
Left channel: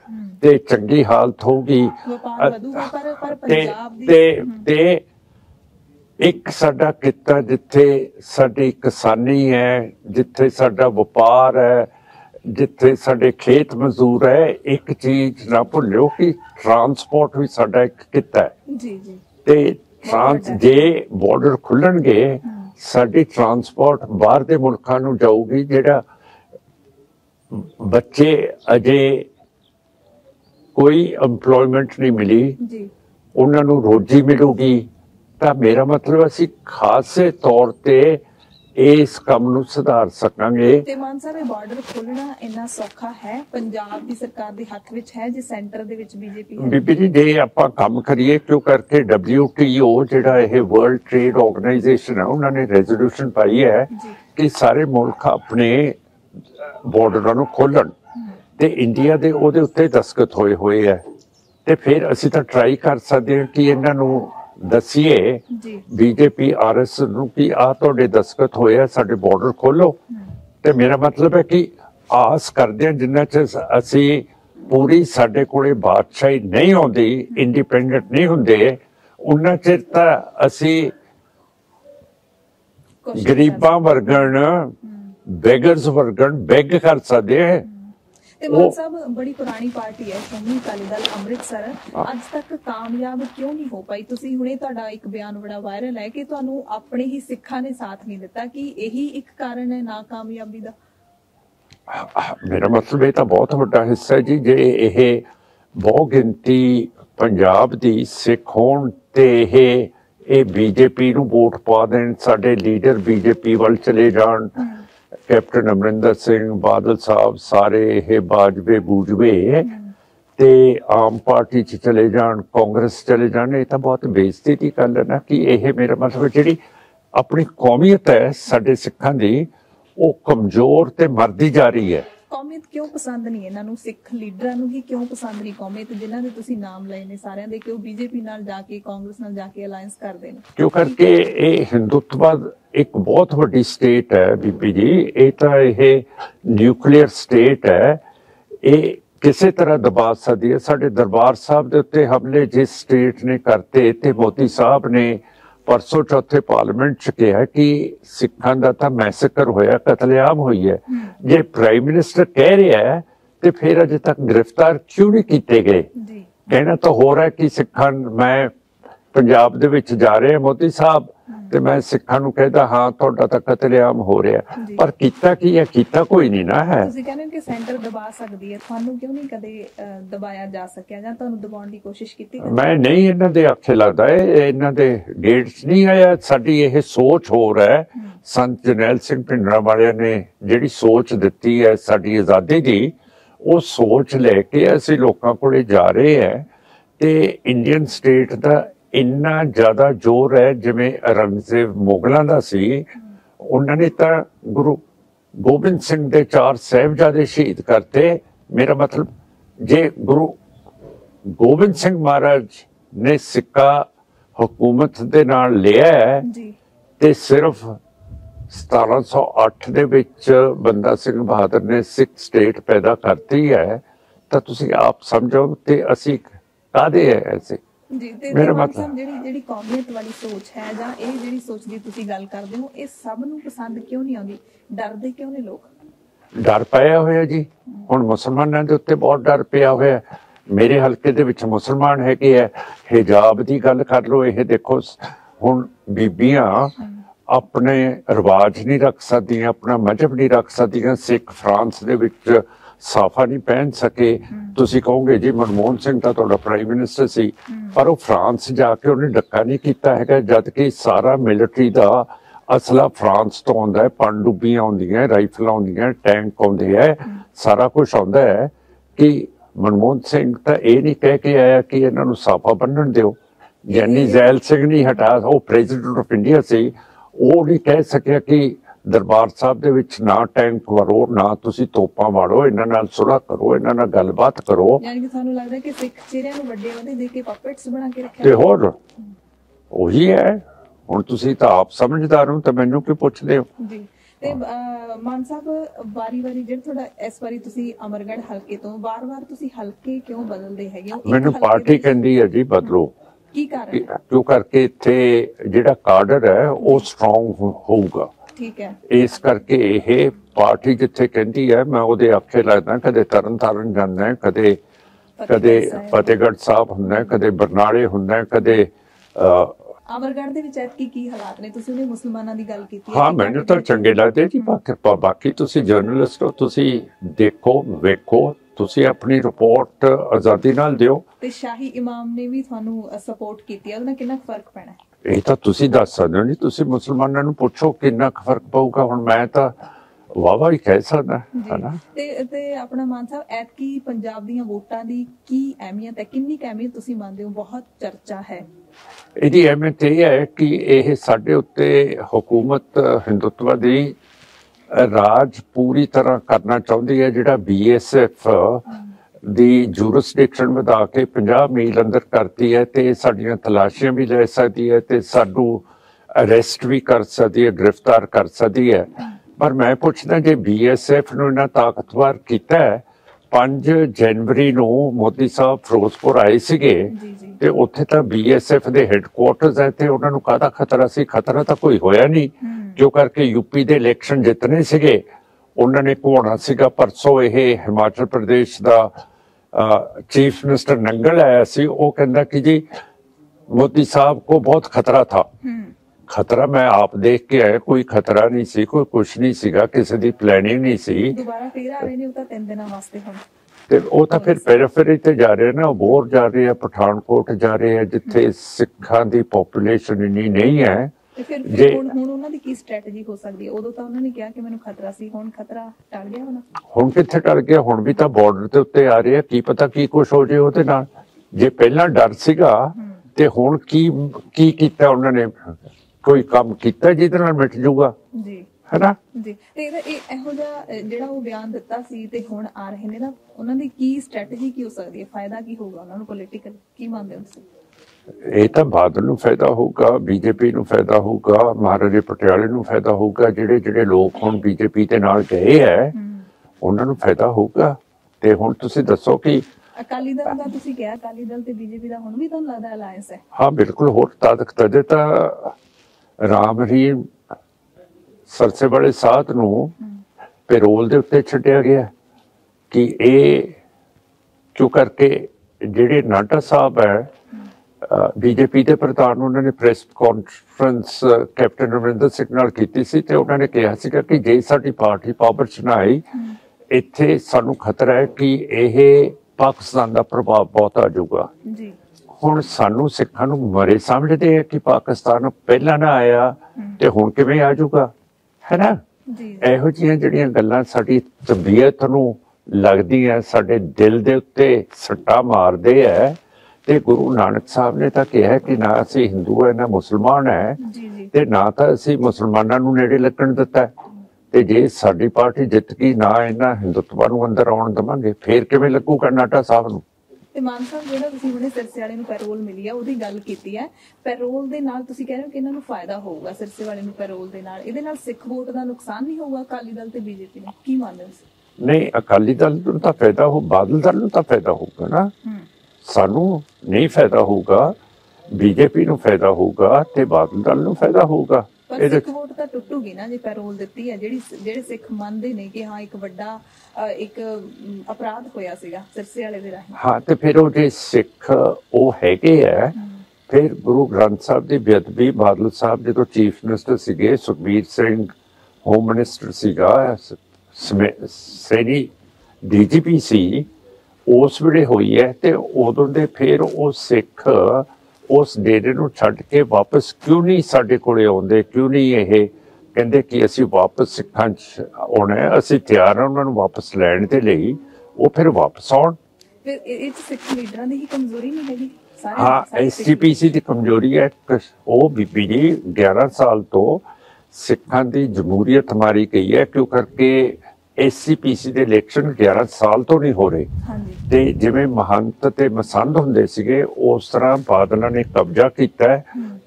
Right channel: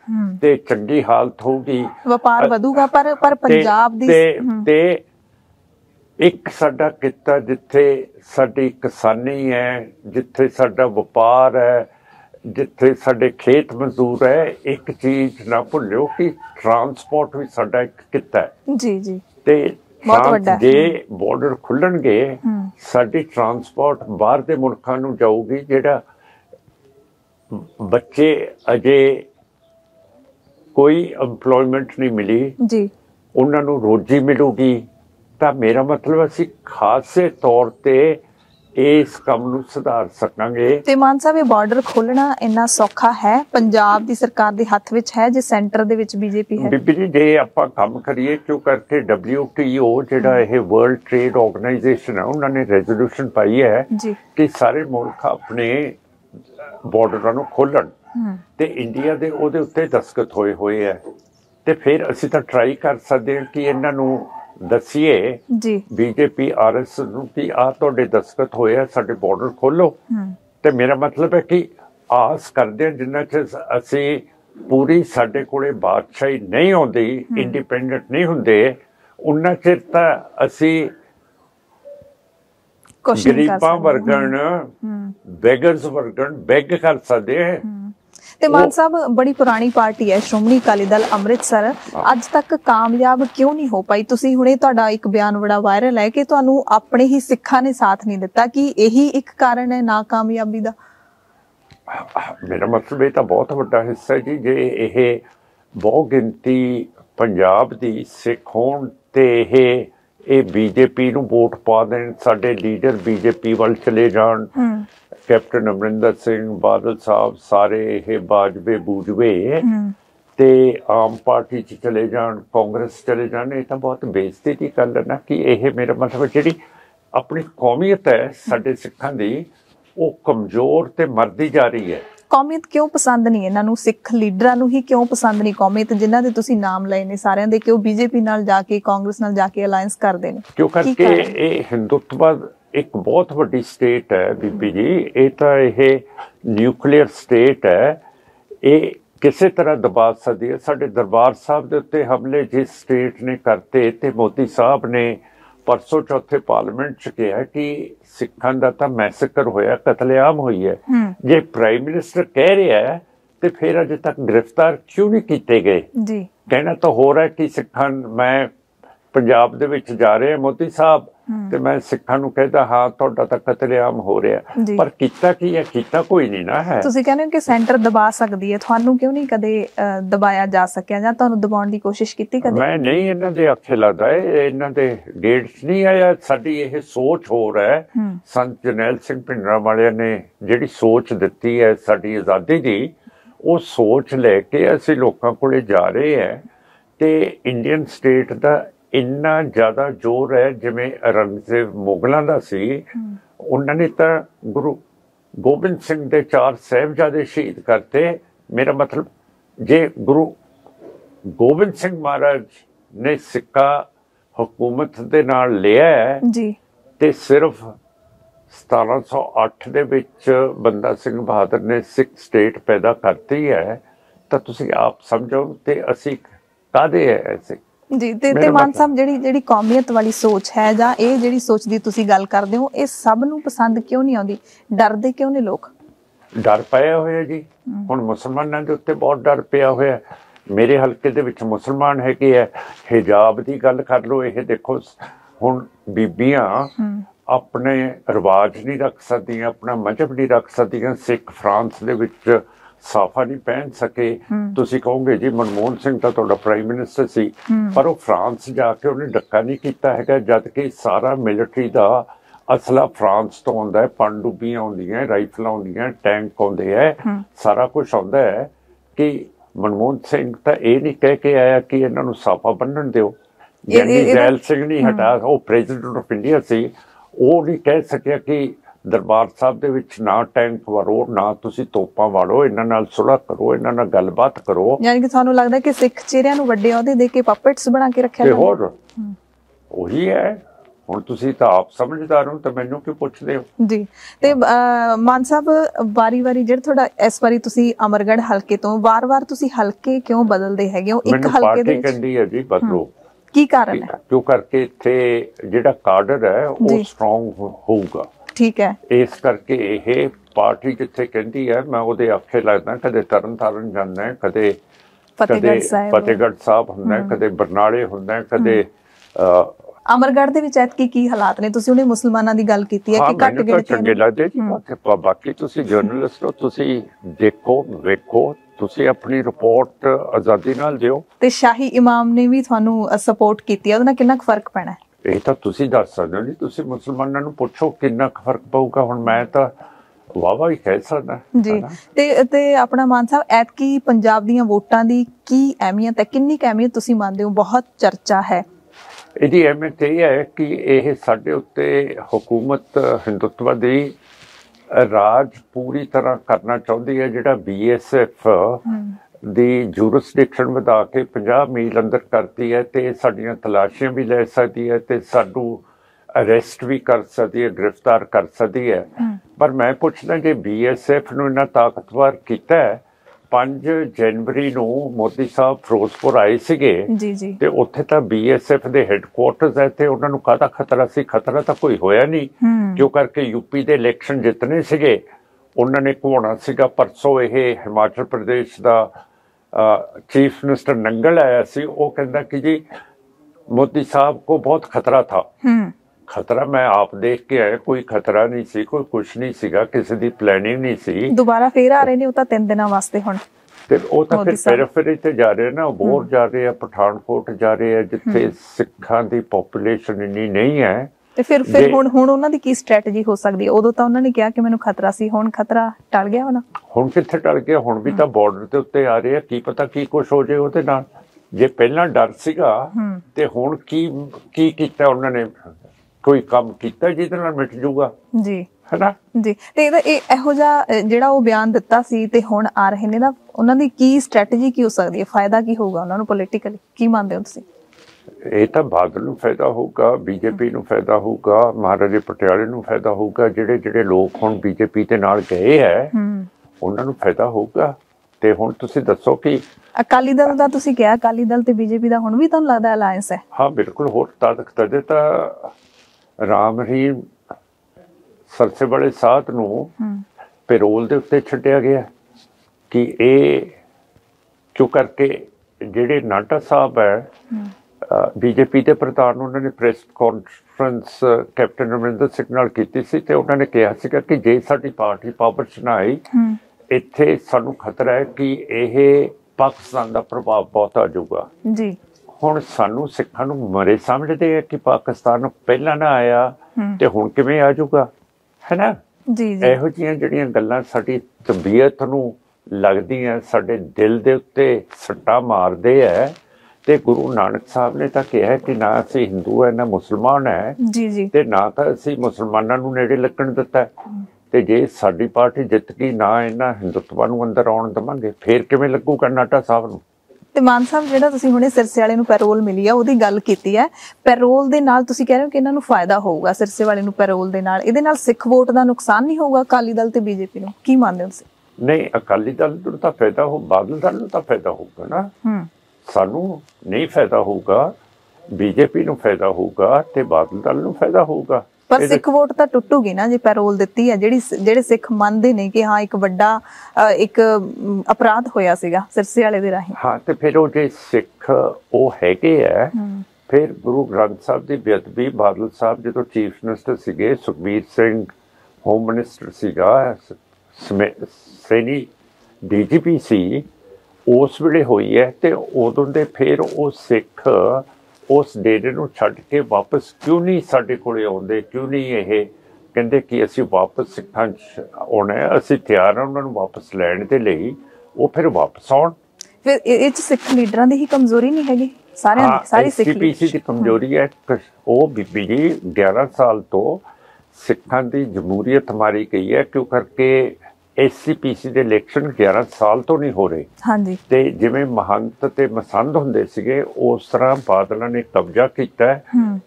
ਤੇ ਚੰਗੀ ਹਾਲਤ ਹੋਊਗੀ, ਵਪਾਰ ਵਧੂਗਾ। ਪਰ ਪੰਜਾਬ ਦੀ ਤੇ ਇੱਕ ਸਾਡਾ ਕਿੱਤਾ ਜਿੱਥੇ ਸਾਡੀ ਕਿਸਾਨੀ ਹੈ, ਜਿੱਥੇ ਸਾਡਾ ਵਪਾਰ ਹੈ, ਜਿੱਥੇ ਸਾਡੇ ਖੇਤ ਮਜ਼ਦੂਰ ਹੈ, ਇੱਕ ਚੀਜ਼ ਨਾ ਭੁੱਲਿਓ ਕਿ ਟਰਾਂਸਪੋਰਟ ਵੀ ਸਾਡਾ ਇੱਕ ਕਿੱਤਾ ਹੈ। ਜੀ ਤੇ ਜੇ ਬਾਰਡਰ ਖੁੱਲਣਗੇ ਸਾਡੀ ਟਰਾਂਸਪੋਰਟ ਬਾਹਰ ਦੇ ਮੁਲਕਾਂ ਨੂੰ ਜਾਊਗੀ। ਜਿਹੜਾ ਬੱਚੇ ਅਜੇ ਕੋਈ ਐਮਪਲੋਇਮੈਂਟ ਨਹੀਂ ਮਿਲੀ ਜੀ, ਉਹਨਾਂ ਨੂੰ ਰੋਜੀ ਮਿਲੂਗੀ। ਤਾਂ ਮੇਰਾ ਮਤਲਬ ਅਸੀਂ ਖਾਸੇ ਤੌਰ ਤੇ ਇਸ ਕੰਮ ਨੂੰ ਸੁਧਾਰ ਸਕਾਂਗੇ। ਤੇ ਮਾਨ ਸਾਹਿਬ, ਇਹ ਬਾਰਡਰ ਖੋਲਣਾ ਇੰਨਾ ਸੌਖਾ ਹੈ? ਪੰਜਾਬ ਦੀ ਸਰਕਾਰ ਦੇ ਹੱਥ ਵਿੱਚ ਹੈ ਜੇ ਸੈਂਟਰ ਦੇ ਵਿੱਚ ਬੀਜੇਪੀ ਹੈ? ਬੀਬੀ ਜੀ, ਜੇ ਆਪਾਂ ਕੰਮ ਕਰੀਏ, ਕਿਉਂ ਕਰਕੇ WTO ਜਿਹੜਾ ਇਹ ਵਰਲਡ ਟ੍ਰੇਡ ਆਰਗੇਨਾਈਜੇਸ਼ਨ ਹੈ, ਉਹਨਾਂ ਨੇ ਰੈਜ਼ੋਲੂਸ਼ਨ ਪਾਈ ਹੈ ਕਿ ਸਾਰੇ ਮੁਲਕ ਆਪਣੇ ਬਾਰਡਰਾਂ ਨੂੰ ਖੋਲਣ ਤੇ ਇੰਡੀਆ ਦੇ ਉਹਦੇ ਉੱਤੇ ਦਸਤਖਤ ਹੋਏ ਹੈ। ਤੇ ਫਿਰ ਅਸੀਂ ਤਾਂ ਟਰਾਈ ਕਰ ਸਕਦੇ ਹਾਂ ਕਿ ਇਹਨਾਂ ਨੂੰ ਦਸੀਏ BJP RS ਨੂੰ ਕਿ ਆਹ ਤੁਹਾਡੇ ਦਸਤਖਤ ਹੋਏ ਆ, ਸਾਡੇ ਬਾਰਡਰ ਖੋਲੋ। ਤੇ ਮੇਰਾ ਮਤਲਬ ਹੈ ਕਿ ਆਸ ਕਰਦੇ ਹਾਂ ਜਿੰਨਾ ਚਿਰ ਅਸੀਂ ਪੂਰੀ ਸਾਡੇ ਕੋਲੇ ਬਾਦਸ਼ਾਹੀ ਨਹੀਂ ਆਉਂਦੀ, ਇੰਡੀਪੈਂਡੈਂਟ ਨਹੀਂ ਹੁੰਦੇ, ਉਹਨਾਂ ਚਿਰ ਤਾਂ ਅਸੀਂ ਗਰੀਬਾਂ ਵਰਗਣ, ਬੈਗਰਸ ਵਰਗਣ ਬੈਗ ਕਰ ਸਕਦੇ ਹਾਂ। ਤੇ ਮਾਨ ਸਾਹਿਬ, ਬੜੀ ਪੁਰਾਣੀ ਪਾਰਟੀ ਹੈ ਸ਼੍ਰੋਮਣੀ ਅਕਾਲੀ ਦਲ ਅੰਮ੍ਰਿਤਸਰ, ਅੱਜ ਤੱਕ ਕਾਮਯਾਬ ਕਿਉਂ ਨਹੀਂ ਹੋ ਪਾਈ? ਤੁਸੀਂ ਹੁਣੇ ਤੁਹਾਡਾ ਇੱਕ ਬਿਆਨ ਬੜਾ ਵਾਇਰਲ ਹੈ ਕਿ ਤੁਹਾਨੂੰ ਆਪਣੇ ਹੀ ਸਿੱਖਾਂ ਨੇ ਸਾਥ ਨਹੀਂ ਦਿੱਤਾ, ਕਿ ਇਹੀ ਇੱਕ ਕਾਰਨ ਹੈ ਨਾਕਾਮਯਾਬੀ ਦਾ? ਮੇਰਾ ਮਤਲਬ ਇਹ ਤਾਂ ਬਹੁਤ ਵੱਡਾ ਹਿੱਸਾ ਹੈ ਜੀ। ਜੇ ਇਹ ਬਹੁ ਗਿਣਤੀ ਪੰਜਾਬ ਦੀ ਸਿੱਖ ਹੋਣ ਤੇ ਇਹ BJP ਨੂੰ ਵੋਟ ਪਾ ਦੇਣ, ਸਾਡੇ ਲੀਡਰ BJP ਵੱਲ ਚਲੇ ਜਾਣ, ਕੈਪਟਨ ਅਮਰਿੰਦਰ ਸਿੰਘ, ਬਾਦਲ ਸਾਹਿਬ, ਸਾਰੇ ਇਹ ਬਾਜਵੇ ਬੂਜਵੇ ਤੇ ਆਮ ਪਾਰਟੀ ਚ ਚਲੇ ਜਾਣ, ਕਾਂਗਰਸ ਚਲੇ ਜਾਣ, ਇਹ ਤਾਂ ਬਹੁਤ ਬੇਇੱਜ਼ਤੀ ਦੀ ਗੱਲ ਹੈ ਨਾ। ਕਿ ਇਹ ਮੇਰਾ ਮਤਲਬ ਜਿਹੜੀ ਆਪਣੀ ਕੌਮੀਅਤ ਹੈ ਸਾਡੇ ਸਿੱਖਾਂ ਦੀ, ਉਹ ਕਮਜ਼ੋਰ ਤੇ ਮਰਦੀ ਜਾ ਰਹੀ ਹੈ। ਕੌਮੀਅਤ ਕਿਉਂ ਪਸੰਦ ਨਹੀਂ ਇਹਨਾਂ ਨੂੰ? ਸਿੱਖ ਲੀਡਰਾਂ ਨੂੰ ਹੀ ਕਿਉਂ ਪਸੰਦ ਨਹੀਂ ਕੌਮੀਅਤ, ਜਿਨ੍ਹਾਂ ਦੇ ਤੁਸੀਂ ਨਾਮ ਲਏ ਨੇ ਸਾਰਿਆਂ ਦੇ, ਕਿ ਉਹ BJP ਨਾਲ ਜਾ ਕੇ, ਕਾਂਗਰਸ ਨਾਲ ਜਾ ਕੇ ਅਲਾਈਅੰਸ ਕਰਦੇ ਨੇ? ਕਿਉਂ ਕਰਕੇ ਇਹ ਹਿੰਦੂਤਵ ਇੱਕ ਬਹੁਤ ਵੱਡੀ ਸਟੇਟ ਹੈ ਬੀਬੀ ਜੀ। ਇਹ ਤਾਂ ਇਹ ਨਿਊਕਲੀਅਰ ਸਟੇਟ ਹੈ, ਇਹ ਕਿਸੇ ਤਰ੍ਹਾਂ ਦਬਾ ਸਕਦੀ ਹੈ। ਸਾਡੇ ਦਰਬਾਰ ਸਾਹਿਬ ਦੇ ਉੱਤੇ ਹਮਲੇ ਜਿਸ ਸਟੇਟ ਨੇ ਕਰਤੇ, ਤੇ ਮੋਦੀ ਸਾਹਿਬ ਨੇ ਪਰਸੋਂ ਚੌਥੇ ਪਾਰਲੀਮੈਂਟ ਚ ਕਿਹਾ ਕਿ ਸਿੱਖਾਂ ਦਾ ਤਾਂ ਮੈਸੇਕਰ ਹੋਇਆ, ਕਤਲੇਆਮ ਹੋਈ ਹੈ। ਜੇ ਪ੍ਰਾਈਮ ਮਿਨਿਸਟਰ ਕਹਿ ਰਿਹਾ ਹੈ ਤੇ ਫਿਰ ਅਜੇ ਤੱਕ ਗ੍ਰਿਫਤਾਰ ਕਿਉਂ ਨਹੀਂ ਕੀਤੇ ਗਏ? ਕਹਿਣਾ ਤਾਂ ਹੋ ਰਿਹਾ ਕਿ ਸਿੱਖਾਂ, ਮੈਂ ਪੰਜਾਬ ਦੇ ਵਿੱਚ ਜਾ ਰਿਹਾ ਮੋਦੀ ਸਾਹਿਬ ਤੇ ਮੈਂ ਸਿੱਖਾਂ ਨੂੰ ਕਹਿੰਦਾ ਹਾਂ ਤੁਹਾਡਾ ਤਾਂ ਕਤਲੇਆਮ ਹੋ ਰਿਹਾ, ਪਰ ਕੀਤਾ ਕੀ ਹੈ? ਕੀਤਾ ਕੋਈ ਨਹੀਂ ਨਾ ਹੈ। ਤੁਸੀਂ ਕਹਿੰਦੇ ਹੋ ਕਿ ਸੈਂਟਰ ਦਬਾ ਸਕਦੀ ਹੈ, ਤੁਹਾਨੂੰ ਕਿਉਂ ਨਹੀਂ ਕਦੇ ਦਬਾਇਆ ਜਾ ਸਕਿਆ ਜਾਂ ਤੁਹਾਨੂੰ ਦਬਾਉਣ ਦੀ ਕੋਸ਼ਿਸ਼ ਕੀਤੀ ਕਦੇ? ਮੈਂ ਨਹੀਂ, ਇਹਨਾਂ ਦੇ ਆਖੇ ਲੱਗਦਾ ਹੈ, ਇਹਨਾਂ ਦੇ ਗੇਟਸ ਨਹੀਂ ਆਇਆ। ਸਾਡੀ ਇਹ ਸੋਚ ਹੋ ਹੈ, ਸੰਤ ਜਰਨੈਲ ਸਿੰਘ ਭਿੰਡਰਾਂ ਵਾਲਿਆਂ ਨੇ ਜਿਹੜੀ ਸੋਚ ਦਿੱਤੀ ਹੈ ਸਾਡੀ ਆਜ਼ਾਦੀ ਦੀ, ਉਹ ਸੋਚ ਲੈ ਕੇ ਅਸੀਂ ਲੋਕਾਂ ਕੋਲੇ ਜਾ ਰਹੇ ਹੈ। ਤੇ ਇੰਡੀਅਨ ਸਟੇਟ ਦਾ ਇੰਨਾ ਜ਼ਿਆਦਾ ਜ਼ੋਰ ਹੈ, ਜਿਵੇਂ ਔਰੰਗਜ਼ੇਬ ਮੁਗਲਾਂ ਦਾ ਸੀ, ਉਹਨਾਂ ਨੇ ਤਾਂ ਗੁਰੂ ਗੋਬਿੰਦ ਸਿੰਘ ਦੇ 4 ਸਾਹਿਬਜ਼ਾਦੇ ਸ਼ਹੀਦ ਕਰਤੇ। ਮੇਰਾ ਮਤਲਬ ਜੇ ਗੁਰੂ ਗੋਬਿੰਦ ਸਿੰਘ ਮਹਾਰਾਜ ਨੇ ਸਿੱਕਾ ਹਕੂਮਤ ਦੇ ਨਾਲ ਲਿਆ ਤੇ ਸਿਰਫ 1708 ਦੇ ਵਿੱਚ ਬੰਦਾ ਸਿੰਘ ਬਹਾਦਰ ਨੇ ਸਿੱਖ ਸਟੇਟ ਪੈਦਾ ਕਰਤੀ ਹੈ, ਤਾਂ ਤੁਸੀਂ ਆਪ ਸਮਝੋ ਤੇ ਅਸੀਂ ਕਾਹਦੇ ਹੈ ਐਸੇ? ਜੀ, ਤੇ ਮਾਨ ਸਾਹਿਬ, ਜਿਹੜੀ ਕੌਮੀਅਤ ਵਾਲੀ ਸੋਚ ਹੈ ਜਾਂ ਇਹ ਜਿਹੜੀ ਸੋਚ ਦੀ ਤੁਸੀਂ ਗੱਲ ਕਰਦੇ ਹੋ, ਇਹ ਸਭ ਨੂੰ ਪਸੰਦ ਕਿਉਂ ਨਹੀਂ ਆਉਂਦੀ? ਡਰਦੇ ਕਿਉਂ ਨੇ ਲੋਕ? ਡਰ ਪਿਆ ਹੋਇਆ ਜੀ। ਹੁਣ ਮੁਸਲਮਾਨਾਂ ਦੇ ਉੱਤੇ ਬਹੁਤ ਡਰ ਪਿਆ ਹੋਇਆ। ਮੇਰੇ ਹਲਕੇ ਦੇ ਵਿੱਚ ਮੁਸਲਮਾਨ ਹੈਗੇ ਆ। ਹਿਜਾਬ ਦੀ ਗੱਲ ਕਰ ਲਓ, ਇਹ ਦੇਖੋ ਹੁਣ ਬੀਬੀਆਂ ਆਪਣੇ ਰਿਵਾਜ ਨਹੀਂ ਰੱਖ ਸਕਦੀਆਂ, ਆਪਣਾ ਮਜ਼ਹਬ ਨਹੀਂ ਰੱਖ ਸਕਦੀਆਂ। ਸਿੱਖ ਫਰਾਂਸ ਦੇ ਵਿੱਚ ਸਾਫਾ ਨਹੀਂ ਪਹਿਨ ਸਕੇ। ਤੁਸੀਂ ਕਹੋਗੇ ਜੀ ਮਨਮੋਹਨ ਸਿੰਘ ਤਾਂ ਤੁਹਾਡਾ ਪ੍ਰਾਈਮ ਮਿਨਿਸਟਰ ਸੀ, ਪਰ ਉਹ ਫਰਾਂਸ ਜਾ ਕੇ ਉਹਨੇ ਡੱਕਾ ਨਹੀਂ ਕੀਤਾ ਹੈਗਾ, ਜਦ ਕਿ ਸਾਰਾ ਮਿਲਟਰੀ ਦਾ ਅਸਲਾ ਫਰਾਂਸ ਤੋਂ ਆਉਂਦਾ ਹੈ। ਪਣਡੁੱਬੀਆਂ ਆਉਂਦੀਆਂ, ਰਾਈਫਲਾਂ ਆਉਂਦੀਆਂ, ਟੈਂਕ ਆਉਂਦੇ ਹੈ, ਸਾਰਾ ਕੁਝ ਆਉਂਦਾ ਹੈ। ਕਿ ਮਨਮੋਹਨ ਸਿੰਘ ਤਾਂ ਇਹ ਨਹੀਂ ਕਹਿ ਕੇ ਆਇਆ ਕਿ ਇਹਨਾਂ ਨੂੰ ਸਾਫਾ ਬੰਨਣ ਦਿਓ। ਗਿਆਨੀ ਜ਼ੈਲ ਸਿੰਘ ਨਹੀਂ ਹਟਾ, ਉਹ ਪ੍ਰੈਜ਼ੀਡੈਂਟ ਆਫ ਇੰਡੀਆ ਸੀ, ਉਹ ਨਹੀਂ ਕਹਿ ਸਕਿਆ ਕਿ ਦਰਬਾਰ ਸਾਹਿਬ ਦੇ ਵਿੱਚ ਨਾ ਟੈਂਕ ਵਰੋ, ਨਾ ਤੁਸੀਂ ਤੋਪਾਂ ਵਾੜੋ, ਇਹਨਾਂ ਨਾਲ ਸੁਲ੍ਹਾ ਕਰੋ, ਇਹਨਾਂ ਨਾਲ ਗੱਲਬਾਤ ਕਰੋ। ਯਾਨੀ ਕਿ ਤੁਹਾਨੂੰ ਲੱਗਦਾ ਕਿ ਸਿੱਖ ਚਿਹਰਿਆਂ ਨੂੰ ਵੱਡੇ ਅਹੁਦੇ ਦੇ ਕੇ ਪਪਟਸ ਬਣਾ ਕੇ ਰੱਖਿਆ? ਤੇ ਹੋਰ ਉਹੀ ਹੈ, ਹੁਣ ਤੁਸੀਂ ਤਾਂ ਆਪ ਸਮਝਦਾਰ ਹੋ ਤਾਂ ਮੈਨੂੰ ਕਿਉਂ ਪੁੱਛਦੇ ਹੋ ਜੀ। ਤੇ ਮਾਨ ਸਾਹਿਬ ਵਾਰੀ-ਵਾਰੀ ਜਿਹੜਾ ਤੁਹਾਡਾ ਇਸ ਵਾਰੀ ਤੁਸੀਂ ਅਮਰਗੜ੍ਹ ਹਲਕੇ ਤੋਂ ਵਾਰ-ਵਾਰ ਤੁਸੀਂ ਹਲਕੇ ਕਿਉਂ ਬਦਲਦੇ ਹੈਗੇ ਹੋ? ਮੈਨੂੰ ਪਾਰਟੀ ਕਹਿੰਦੀ ਹੈ ਜੀ ਬਦਲੋ। ਕੀ ਕਾਰਨ ਹੈ? ਕਿਉਂ ਕਰਕੇ ਇੱਥੇ ਜਿਹੜਾ ਕਾਡਰ ਹੈ ਉਹ ਸਟਰੋਂਗ ਹੋਊਗਾ। ਠੀਕ ਹੈ। ਇਸ ਕਰਕੇ ਇਹ ਪਾਰਟੀ ਜਿੱਥੇ ਕਹਿੰਦੀ ਹੈ ਮੈਂ ਉਹਦੇ ਆਖੇ ਲੱਗਦਾ। ਕਦੇ ਤਰਨਤਾਰਨ ਜਾਂਦਾ, ਕਦੇ ਫਤਿਹਗੜ੍ਹ ਸਾਹਿਬ ਹੁੰਦਾ, ਕਦੇ ਬਰਨਾਲੇ ਹੁੰਦਾ, ਕਦੇ ਅਮਰਗੜ੍ਹ ਦੇ ਵਿੱਚ ਐਤਕੀ ਕੀ ਹਾਲਾਤ ਨੇ? ਤੁਸੀਂ ਉਹਨੇ ਮੁਸਲਮਾਨਾਂ ਦੀ ਗੱਲ ਕੀਤੀ ਹੈ ਕਿ ਮੈਨੂੰ ਤਾਂ ਚੰਗੇ ਲੱਗਦੇ ਜੀ। ਬਾਕੀ ਤੁਸੀਂ ਜਰਨਲਿਸਟ ਹੋ, ਤੁਸੀਂ ਦੇਖੋ ਵੇਖੋ, ਤੁਸੀਂ ਆਪਣੀ ਰਿਪੋਰਟ ਆਜ਼ਾਦੀ ਨਾਲ ਦਿਓ। ਤੇ ਸ਼ਾਹੀ ਇਮਾਮ ਨੇ ਵੀ ਤੁਹਾਨੂੰ ਸਪੋਰਟ ਕੀਤੀ ਹੈ, ਉਹਦੇ ਨਾਲ ਕਿੰਨਾ ਕੁ ਫਰਕ ਪੈਣਾ ਹੈ? ਇਹ ਤਾਂ ਤੁਸੀਂ ਦੱਸ ਸਕਦੇ ਹੋ ਜੀ। ਤੁਸੀਂ ਮੁਸਲਮਾਨਾਂ ਨੂੰ ਪੁੱਛੋ ਕਿੰਨਾ ਕੁ ਫਰਕ ਪਊਗਾ। ਹੁਣ ਮੈਂ ਤਾਂ ਵਾਵਾ ਹੀ ਕਹਿ ਸਕਦਾ ਜੀ। ਤੇ ਆਪਣਾ ਮਾਨ ਸਾਹਿਬ ਐਤਕੀ ਪੰਜਾਬ ਦੀਆਂ ਵੋਟਾਂ ਦੀ ਕੀ ਅਹਿਮੀਅਤ ਹੈ? ਕਿੰਨੀ ਕੁ ਅਹਿਮੀਅਤ ਤੁਸੀਂ ਮੰਨਦੇ ਹੋ? ਬਹੁਤ ਚਰਚਾ ਹੈ ਇਹਦੀ। ਅਹਿਮੀਅਤ ਇਹ ਹੈ ਕਿ ਇਹ ਸਾਡੇ ਉੱਤੇ ਹਕੂਮਤ ਹਿੰਦੂਤਵ ਦੀ ਰਾਜ ਪੂਰੀ ਤਰ੍ਹਾਂ ਕਰਨਾ ਚਾਹੁੰਦੀ ਹੈ। ਜਿਹੜਾ BSF ਦੀ ਜੂਰਿਸਡਿਕਸ਼ਨ ਵਧਾ ਕੇ 50 ਮੀਲ ਅੰਦਰ ਕਰਤੀ ਹੈ ਤੇ ਸਾਡੀਆਂ ਤਲਾਸ਼ੀਆਂ ਵੀ ਲੈ ਸਕਦੀ ਹੈ ਤੇ ਸਾਨੂੰ ਅਰੈਸਟ ਵੀ ਕਰ ਸਕਦੀ ਹੈ, ਗ੍ਰਿਫਤਾਰ ਕਰ ਸਕਦੀ ਹੈ। ਪਰ ਮੈਂ ਪੁੱਛਦਾ ਜੇ BSF ਨੂੰ ਇੰਨਾ ਤਾਕਤਵਰ ਕੀਤਾ ਹੈ, 5 ਜਨਵਰੀ ਨੂੰ ਮੋਦੀ ਸਾਹਿਬ ਫਿਰੋਜ਼ਪੁਰ ਆਏ ਸੀਗੇ ਤੇ ਉੱਥੇ ਤਾਂ BSF ਦੇ ਹੈੱਡਕੁਆਰਟਰਸ ਹੈ ਤੇ ਉਹਨਾਂ ਨੂੰ ਕਾਹਦਾ ਖਤਰਾ ਸੀ? ਖਤਰਾ ਤਾਂ ਕੋਈ ਹੋਇਆ ਨਹੀਂ, ਕਿਉਂ ਕਰਕੇ ਯੂਪੀ ਦੇ ਇਲੈਕਸ਼ਨ ਜਿੱਤਨੇ ਸੀਗੇ ਉਹਨਾਂ ਨੇ ਘੋਣਾ ਸੀਗਾ। ਪਰਸੋਂ ਇਹ ਹਿਮਾਚਲ ਪ੍ਰਦੇਸ਼ ਦਾ ਚੀਫ ਮਿਨਿਸਟਰ ਨੰਗਲ ਆਇਆ ਸੀ, ਉਹ ਕਹਿੰਦਾ ਕਿ ਜੀ ਮੋਦੀ ਸਾਹਿਬ ਕੋ ਬਹੁਤ ਖਤਰਾ ਥਾ। ਖਤਰਾ ਮੈਂ ਆਪ ਦੇਖ ਕੇ ਆਇਆ, ਕੋਈ ਖਤਰਾ ਨਹੀਂ ਸੀ, ਕੋਈ ਕੁਛ ਨਹੀਂ ਸੀਗਾ, ਕਿਸੇ ਦੀ ਪਲੈਨਿੰਗ ਨਹੀਂ ਸੀ। ਦੁਬਾਰਾ ਫੇਰ ਆ ਰਹੇ ਨੇ ਉਹ ਤਾਂ 3 ਦਿਨਾਂ ਵਾਸਤੇ ਹੁਣ, ਤੇ ਉਹ ਤਾਂ ਫਿਰ ਪੈਰੀਫੇਰੀ ਤੇ ਜਾ ਰਹੇ ਨਾ, ਬੋਰ ਜਾ ਰਹੇ ਆ, ਪਠਾਨਕੋਟ ਜਾ ਰਹੇ ਆ, ਜਿੱਥੇ ਸਿੱਖਾਂ ਦੀ ਪੋਪੂਲੇਸ਼ਨ ਇੰਨੀ ਨਹੀਂ ਹੈ। ਤੇ ਫਿਰ ਹੁਣ ਉਹਨਾਂ ਦੀ ਕੀ ਸਟ੍ਰੈਟਜੀ ਹੋ ਸਕਦੀ ਹੈ? ਉਦੋਂ ਤਾਂ ਉਹਨਾਂ ਨੇ ਕਿਹਾ ਕਿ ਮੈਨੂੰ ਖਤਰਾ ਸੀ, ਹੁਣ ਖਤਰਾ ਟਲ ਗਿਆ ਹੋਣਾ? ਹੁਣ ਕਿੱਥੇ ਟਲ ਗਿਆ? ਹੁਣ ਵੀ ਤਾਂ ਬਾਰਡਰ ਦੇ ਉੱਤੇ ਆ ਰਹੇ ਆ, ਕੀ ਪਤਾ ਕੀ ਕੁਛ ਹੋ ਜਾਏ ਉਹਦੇ ਨਾਲ। ਜੇ ਪਹਿਲਾਂ ਡਰ ਸੀਗਾ ਤੇ ਹੁਣ ਕੀ ਕੀਤਾ ਉਹਨਾਂ ਨੇ? ਕੋਈ ਕੰਮ ਕੀਤਾ ਜਿਹਦੇ ਨਾਲ ਮਿਟ ਜਾਊਗਾ ਜੀ, ਹੈਨਾ ਜੀ। ਤੇ ਇਹੋ ਜਿਹਾ ਜਿਹੜਾ ਉਹ ਬਿਆਨ ਦਿੱਤਾ ਸੀ ਤੇ ਹੁਣ ਆ ਰਹੇ ਨੇ ਨਾ, ਉਹਨਾਂ ਦੀ ਕੀ ਸਟ੍ਰੈਟਜੀ ਕੀ ਹੋ ਸਕਦੀ ਹੈ? ਫਾਇਦਾ ਕੀ ਹੋਊਗਾ ਉਹਨਾਂ ਨੂੰ ਪੋਲੀਟੀਕਲੀ? ਕੀ ਮੰਨਦੇ ਹੋ ਤੁਸੀਂ? ਇਹ ਤਾਂ ਬਾਦਲ ਨੂੰ ਫਾਇਦਾ ਹੋਊਗਾ, BJP ਨੂੰ ਫਾਇਦਾ ਹੋਊਗਾ, ਮਹਾਰਾਜੇ ਪਟਿਆਲੇ ਨੂੰ ਫਾਇਦਾ ਹੋਊਗਾ। ਜਿਹੜੇ ਲੋਕ ਹੁਣ BJP ਦੇ ਨਾਲ ਗਏ ਹੈ ਉਹਨਾਂ ਨੂੰ ਫਾਇਦਾ ਹੋਊਗਾ। ਤੇ ਹੁਣ ਤੁਸੀਂ ਦੱਸੋ ਕਿ ਅਕਾਲੀ ਦਲ ਦਾ ਤੁਸੀਂ ਕਿਹਾ, ਅਕਾਲੀ ਦਲ ਤੇ BJP ਦਾ ਹੁਣ ਵੀ ਤੁਹਾਨੂੰ ਲੱਗਦਾ ਅਲਾਇੰਸ ਹੈ? ਹਾਂ ਬਿਲਕੁਲ। ਹੋਰ ਤਦੇ ਤਾਂ ਰਾਮ ਰਹੀਮ ਸਰਸੇ ਵਾਲੇ ਸਾਧ ਨੂੰ ਪੈਰੋਲ ਦੇ ਉੱਤੇ ਛੱਡਿਆ ਗਿਆ ਕਿ ਇਹ ਕਿਉਂ ਕਰਕੇ ਜਿਹੜੇ ਨਾਟਾ ਸਾਹਿਬ ਹੈ BJP ਦੇ ਪ੍ਰਧਾਨ, ਉਹਨਾਂ ਨੇ press conference captain Amarinder Singh ਨਾਲ ਕੀਤੀ ਸੀ ਤੇ ਉਹਨਾਂ ਨੇ ਕਿਹਾ ਸੀਗਾ ਕਿ ਜੇ ਸਾਡੀ ਪਾਰਟੀ ਪਾਵਰ 'ਚ ਨਾ ਆਈ, ਇੱਥੇ ਸਾਨੂੰ ਖਤਰਾ ਹੈ ਕਿ ਇਹ ਪਾਕਿਸਤਾਨ ਦਾ ਪ੍ਰਭਾਵ ਬਹੁਤ ਆ ਜਾਊਗਾ ਜੀ। ਹੁਣ ਸਾਨੂੰ ਸਿੱਖਾਂ ਨੂੰ ਮਰੇ ਸਮਝਦੇ ਆ ਕਿ ਪਾਕਿਸਤਾਨ ਪਹਿਲਾਂ ਨਾ ਆਇਆ ਤੇ ਹੁਣ ਕਿਵੇਂ ਆ ਜਾਊਗਾ, ਹੈਨਾ ਜੀ। ਇਹੋ ਜਿਹੀਆਂ ਜਿਹੜੀਆਂ ਗੱਲਾਂ ਸਾਡੀ ਤਬੀਅਤ ਨੂੰ ਲੱਗਦੀਆਂ, ਸਾਡੇ ਦਿਲ ਦੇ ਉੱਤੇ ਸੱਟਾਂ ਮਾਰਦੇ ਆ। ਤੇ ਗੁਰੂ ਨਾਨਕ ਸਾਹਿਬ ਨੇ ਤਾਂ ਕਿਹਾ ਕਿ ਨਾ ਅਸੀਂ ਹਿੰਦੂ ਹੈ ਨਾ ਮੁਸਲਮਾਨ ਹੈ ਤੇ ਨਾ ਤਾਂ ਅਸੀਂ ਮੁਸਲਮਾਨਾਂ ਨੂੰ ਨੇੜੇ ਲੱਗਣ ਦਿੱਤਾ। ਤੇ ਜੇ ਸਾਡੀ ਪਾਰਟੀ ਜਿੱਤ ਗਈ, ਨਾ ਇਹਨਾਂ ਹਿੰਦੂਤਵਾਂ ਨੂੰ ਅੰਦਰ ਆਉਣ ਦੇਵਾਂਗੇ, ਫੇਰ ਕਿਵੇਂ ਲੱਗੂਗਾ ਨਾਟਾ ਸਾਹਿਬ ਨੂੰ? ਤੇ ਮਾਨ ਸਾਹਿਬ ਜਿਹੜਾ ਤੁਸੀਂ ਹੁਣੇ ਸਿਰਸੇ ਵਾਲੇ ਨੂੰ ਪੈਰੋਲ ਮਿਲੀ ਆ ਉਹਦੀ ਗੱਲ ਕੀਤੀ ਹੈ, ਪੈਰੋਲ ਦੇ ਨਾਲ ਤੁਸੀਂ ਕਹਿ ਰਹੇ ਹੋ ਕਿ ਇਹਨਾਂ ਨੂੰ ਫਾਇਦਾ ਹੋਊਗਾ ਸਿਰਸੇ ਵਾਲੇ ਨੂੰ ਪੈਰੋਲ ਦੇ ਨਾਲ, ਇਹਦੇ ਨਾਲ ਸਿੱਖ ਵੋਟ ਦਾ ਨੁਕਸਾਨ ਨਹੀਂ ਹੋਊਗਾ ਅਕਾਲੀ ਦਲ ਤੇ BJP ਨੂੰ? ਕੀ ਮੰਨਦੇ ਹੋ ਤੁਸੀਂ? ਨਹੀਂ, ਅਕਾਲੀ ਦਲ ਨੂੰ ਤਾਂ ਫਾਇਦਾ ਹੋ, ਬਾਦਲ ਦਲ ਨੂੰ ਤਾਂ ਫਾਇਦਾ ਹੋਊਗਾ ਨਾ, ਸਾਨੂੰ ਨਹੀਂ ਫਾਇਦਾ ਹੋਊਗਾ। BJP ਨੂੰ ਫਾਇਦਾ ਹੋਊਗਾ ਤੇ ਬਾਦਲ ਦਲ ਨੂੰ ਫਾਇਦਾ ਹੋਊਗਾ। ਪਰ ਸਿੱਖ ਵੋਟ ਤਾਂ ਟੁੱਟੂਗੀ ਨਾ ਜੇ ਪੈਰੋਲ ਦਿੱਤੀ ਹੈ। ਜਿਹੜੇ ਸਿੱਖ ਮੰਨਦੇ ਨੇ ਕਿ ਹਾਂ ਇੱਕ ਵੱਡਾ ਇੱਕ ਅਪਰਾਧ ਹੋਇਆ ਸੀਗਾ ਸਿਰਸੇ ਵਾਲੇ ਦੇ ਰਾਹੀਂ। ਹਾਂ, ਤੇ ਫਿਰ ਉਹ ਜੇ ਸਿੱਖ ਉਹ ਹੈਗੇ ਆ, ਫਿਰ ਗੁਰੂ ਗ੍ਰੰਥ ਸਾਹਿਬ ਦੀ ਬੇਅਦਬੀ ਬਾਦਲ ਸਾਹਿਬ ਜਦੋਂ ਚੀਫ ਮਿਨਿਸਟਰ ਸੀਗੇ, ਸੁਖਬੀਰ ਸਿੰਘ ਹੋਮ ਮਿਨਿਸਟਰ ਸੀਗਾ, ਸੈਣੀ DGP ਸੀ, ਉਸ ਵੇਲੇ ਹੋਈ ਹੈ। ਤੇ ਉਦੋਂ ਦੇ ਫਿਰ ਉਹ ਸਿੱਖ ਉਸ ਡੇਰੇ ਨੂੰ ਛੱਡ ਕੇ ਵਾਪਸ ਕਿਉਂ ਨਹੀਂ ਸਾਡੇ ਕੋਲੇ ਆਉਂਦੇ? ਕਿਉਂ ਨਹੀਂ ਇਹ ਕਹਿੰਦੇ ਕਿ ਅਸੀਂ ਵਾਪਸ ਸਿੱਖਾਂ 'ਚ ਆਉਣਾ ਹੈ, ਅਸੀਂ ਤਿਆਰ ਹਾਂ ਉਹਨਾਂ ਨੂੰ ਵਾਪਸ ਲੈਣ ਦੇ ਲਈ, ਉਹ ਫਿਰ ਵਾਪਸ ਆਉਣ? ਫਿਰ ਇਹ 'ਚ ਸਿੱਖ ਲੀਡਰਾਂ ਦੀ ਹੀ ਕਮਜ਼ੋਰੀ ਨਹੀਂ ਹੈਗੀ? ਸਾਰੀ SGPC ਦੀ ਕਮਜ਼ੋਰੀ ਹੈ। ਉਹ ਬੀਬੀ ਜੀ 11 ਸਾਲ ਤੋਂ ਸਿੱਖਾਂ ਦੀ ਜਮਹੂਰੀਅਤ ਮਾਰੀ ਗਈ ਹੈ, ਕਿਉਂ ਕਰਕੇ SCPC ਦੇ ਇਲੈਕਸ਼ਨ 11 ਸਾਲ ਤੋਂ ਨਹੀਂ ਹੋ ਰਹੇ। ਹਾਂਜੀ। ਤੇ ਜਿਵੇਂ ਮਹੰਤ ਤੇ ਮਸੰਦ ਹੁੰਦੇ ਸੀਗੇ ਉਸ ਤਰ੍ਹਾਂ ਬਾਦਲਾਂ ਨੇ ਕਬਜ਼ਾ ਕੀਤਾ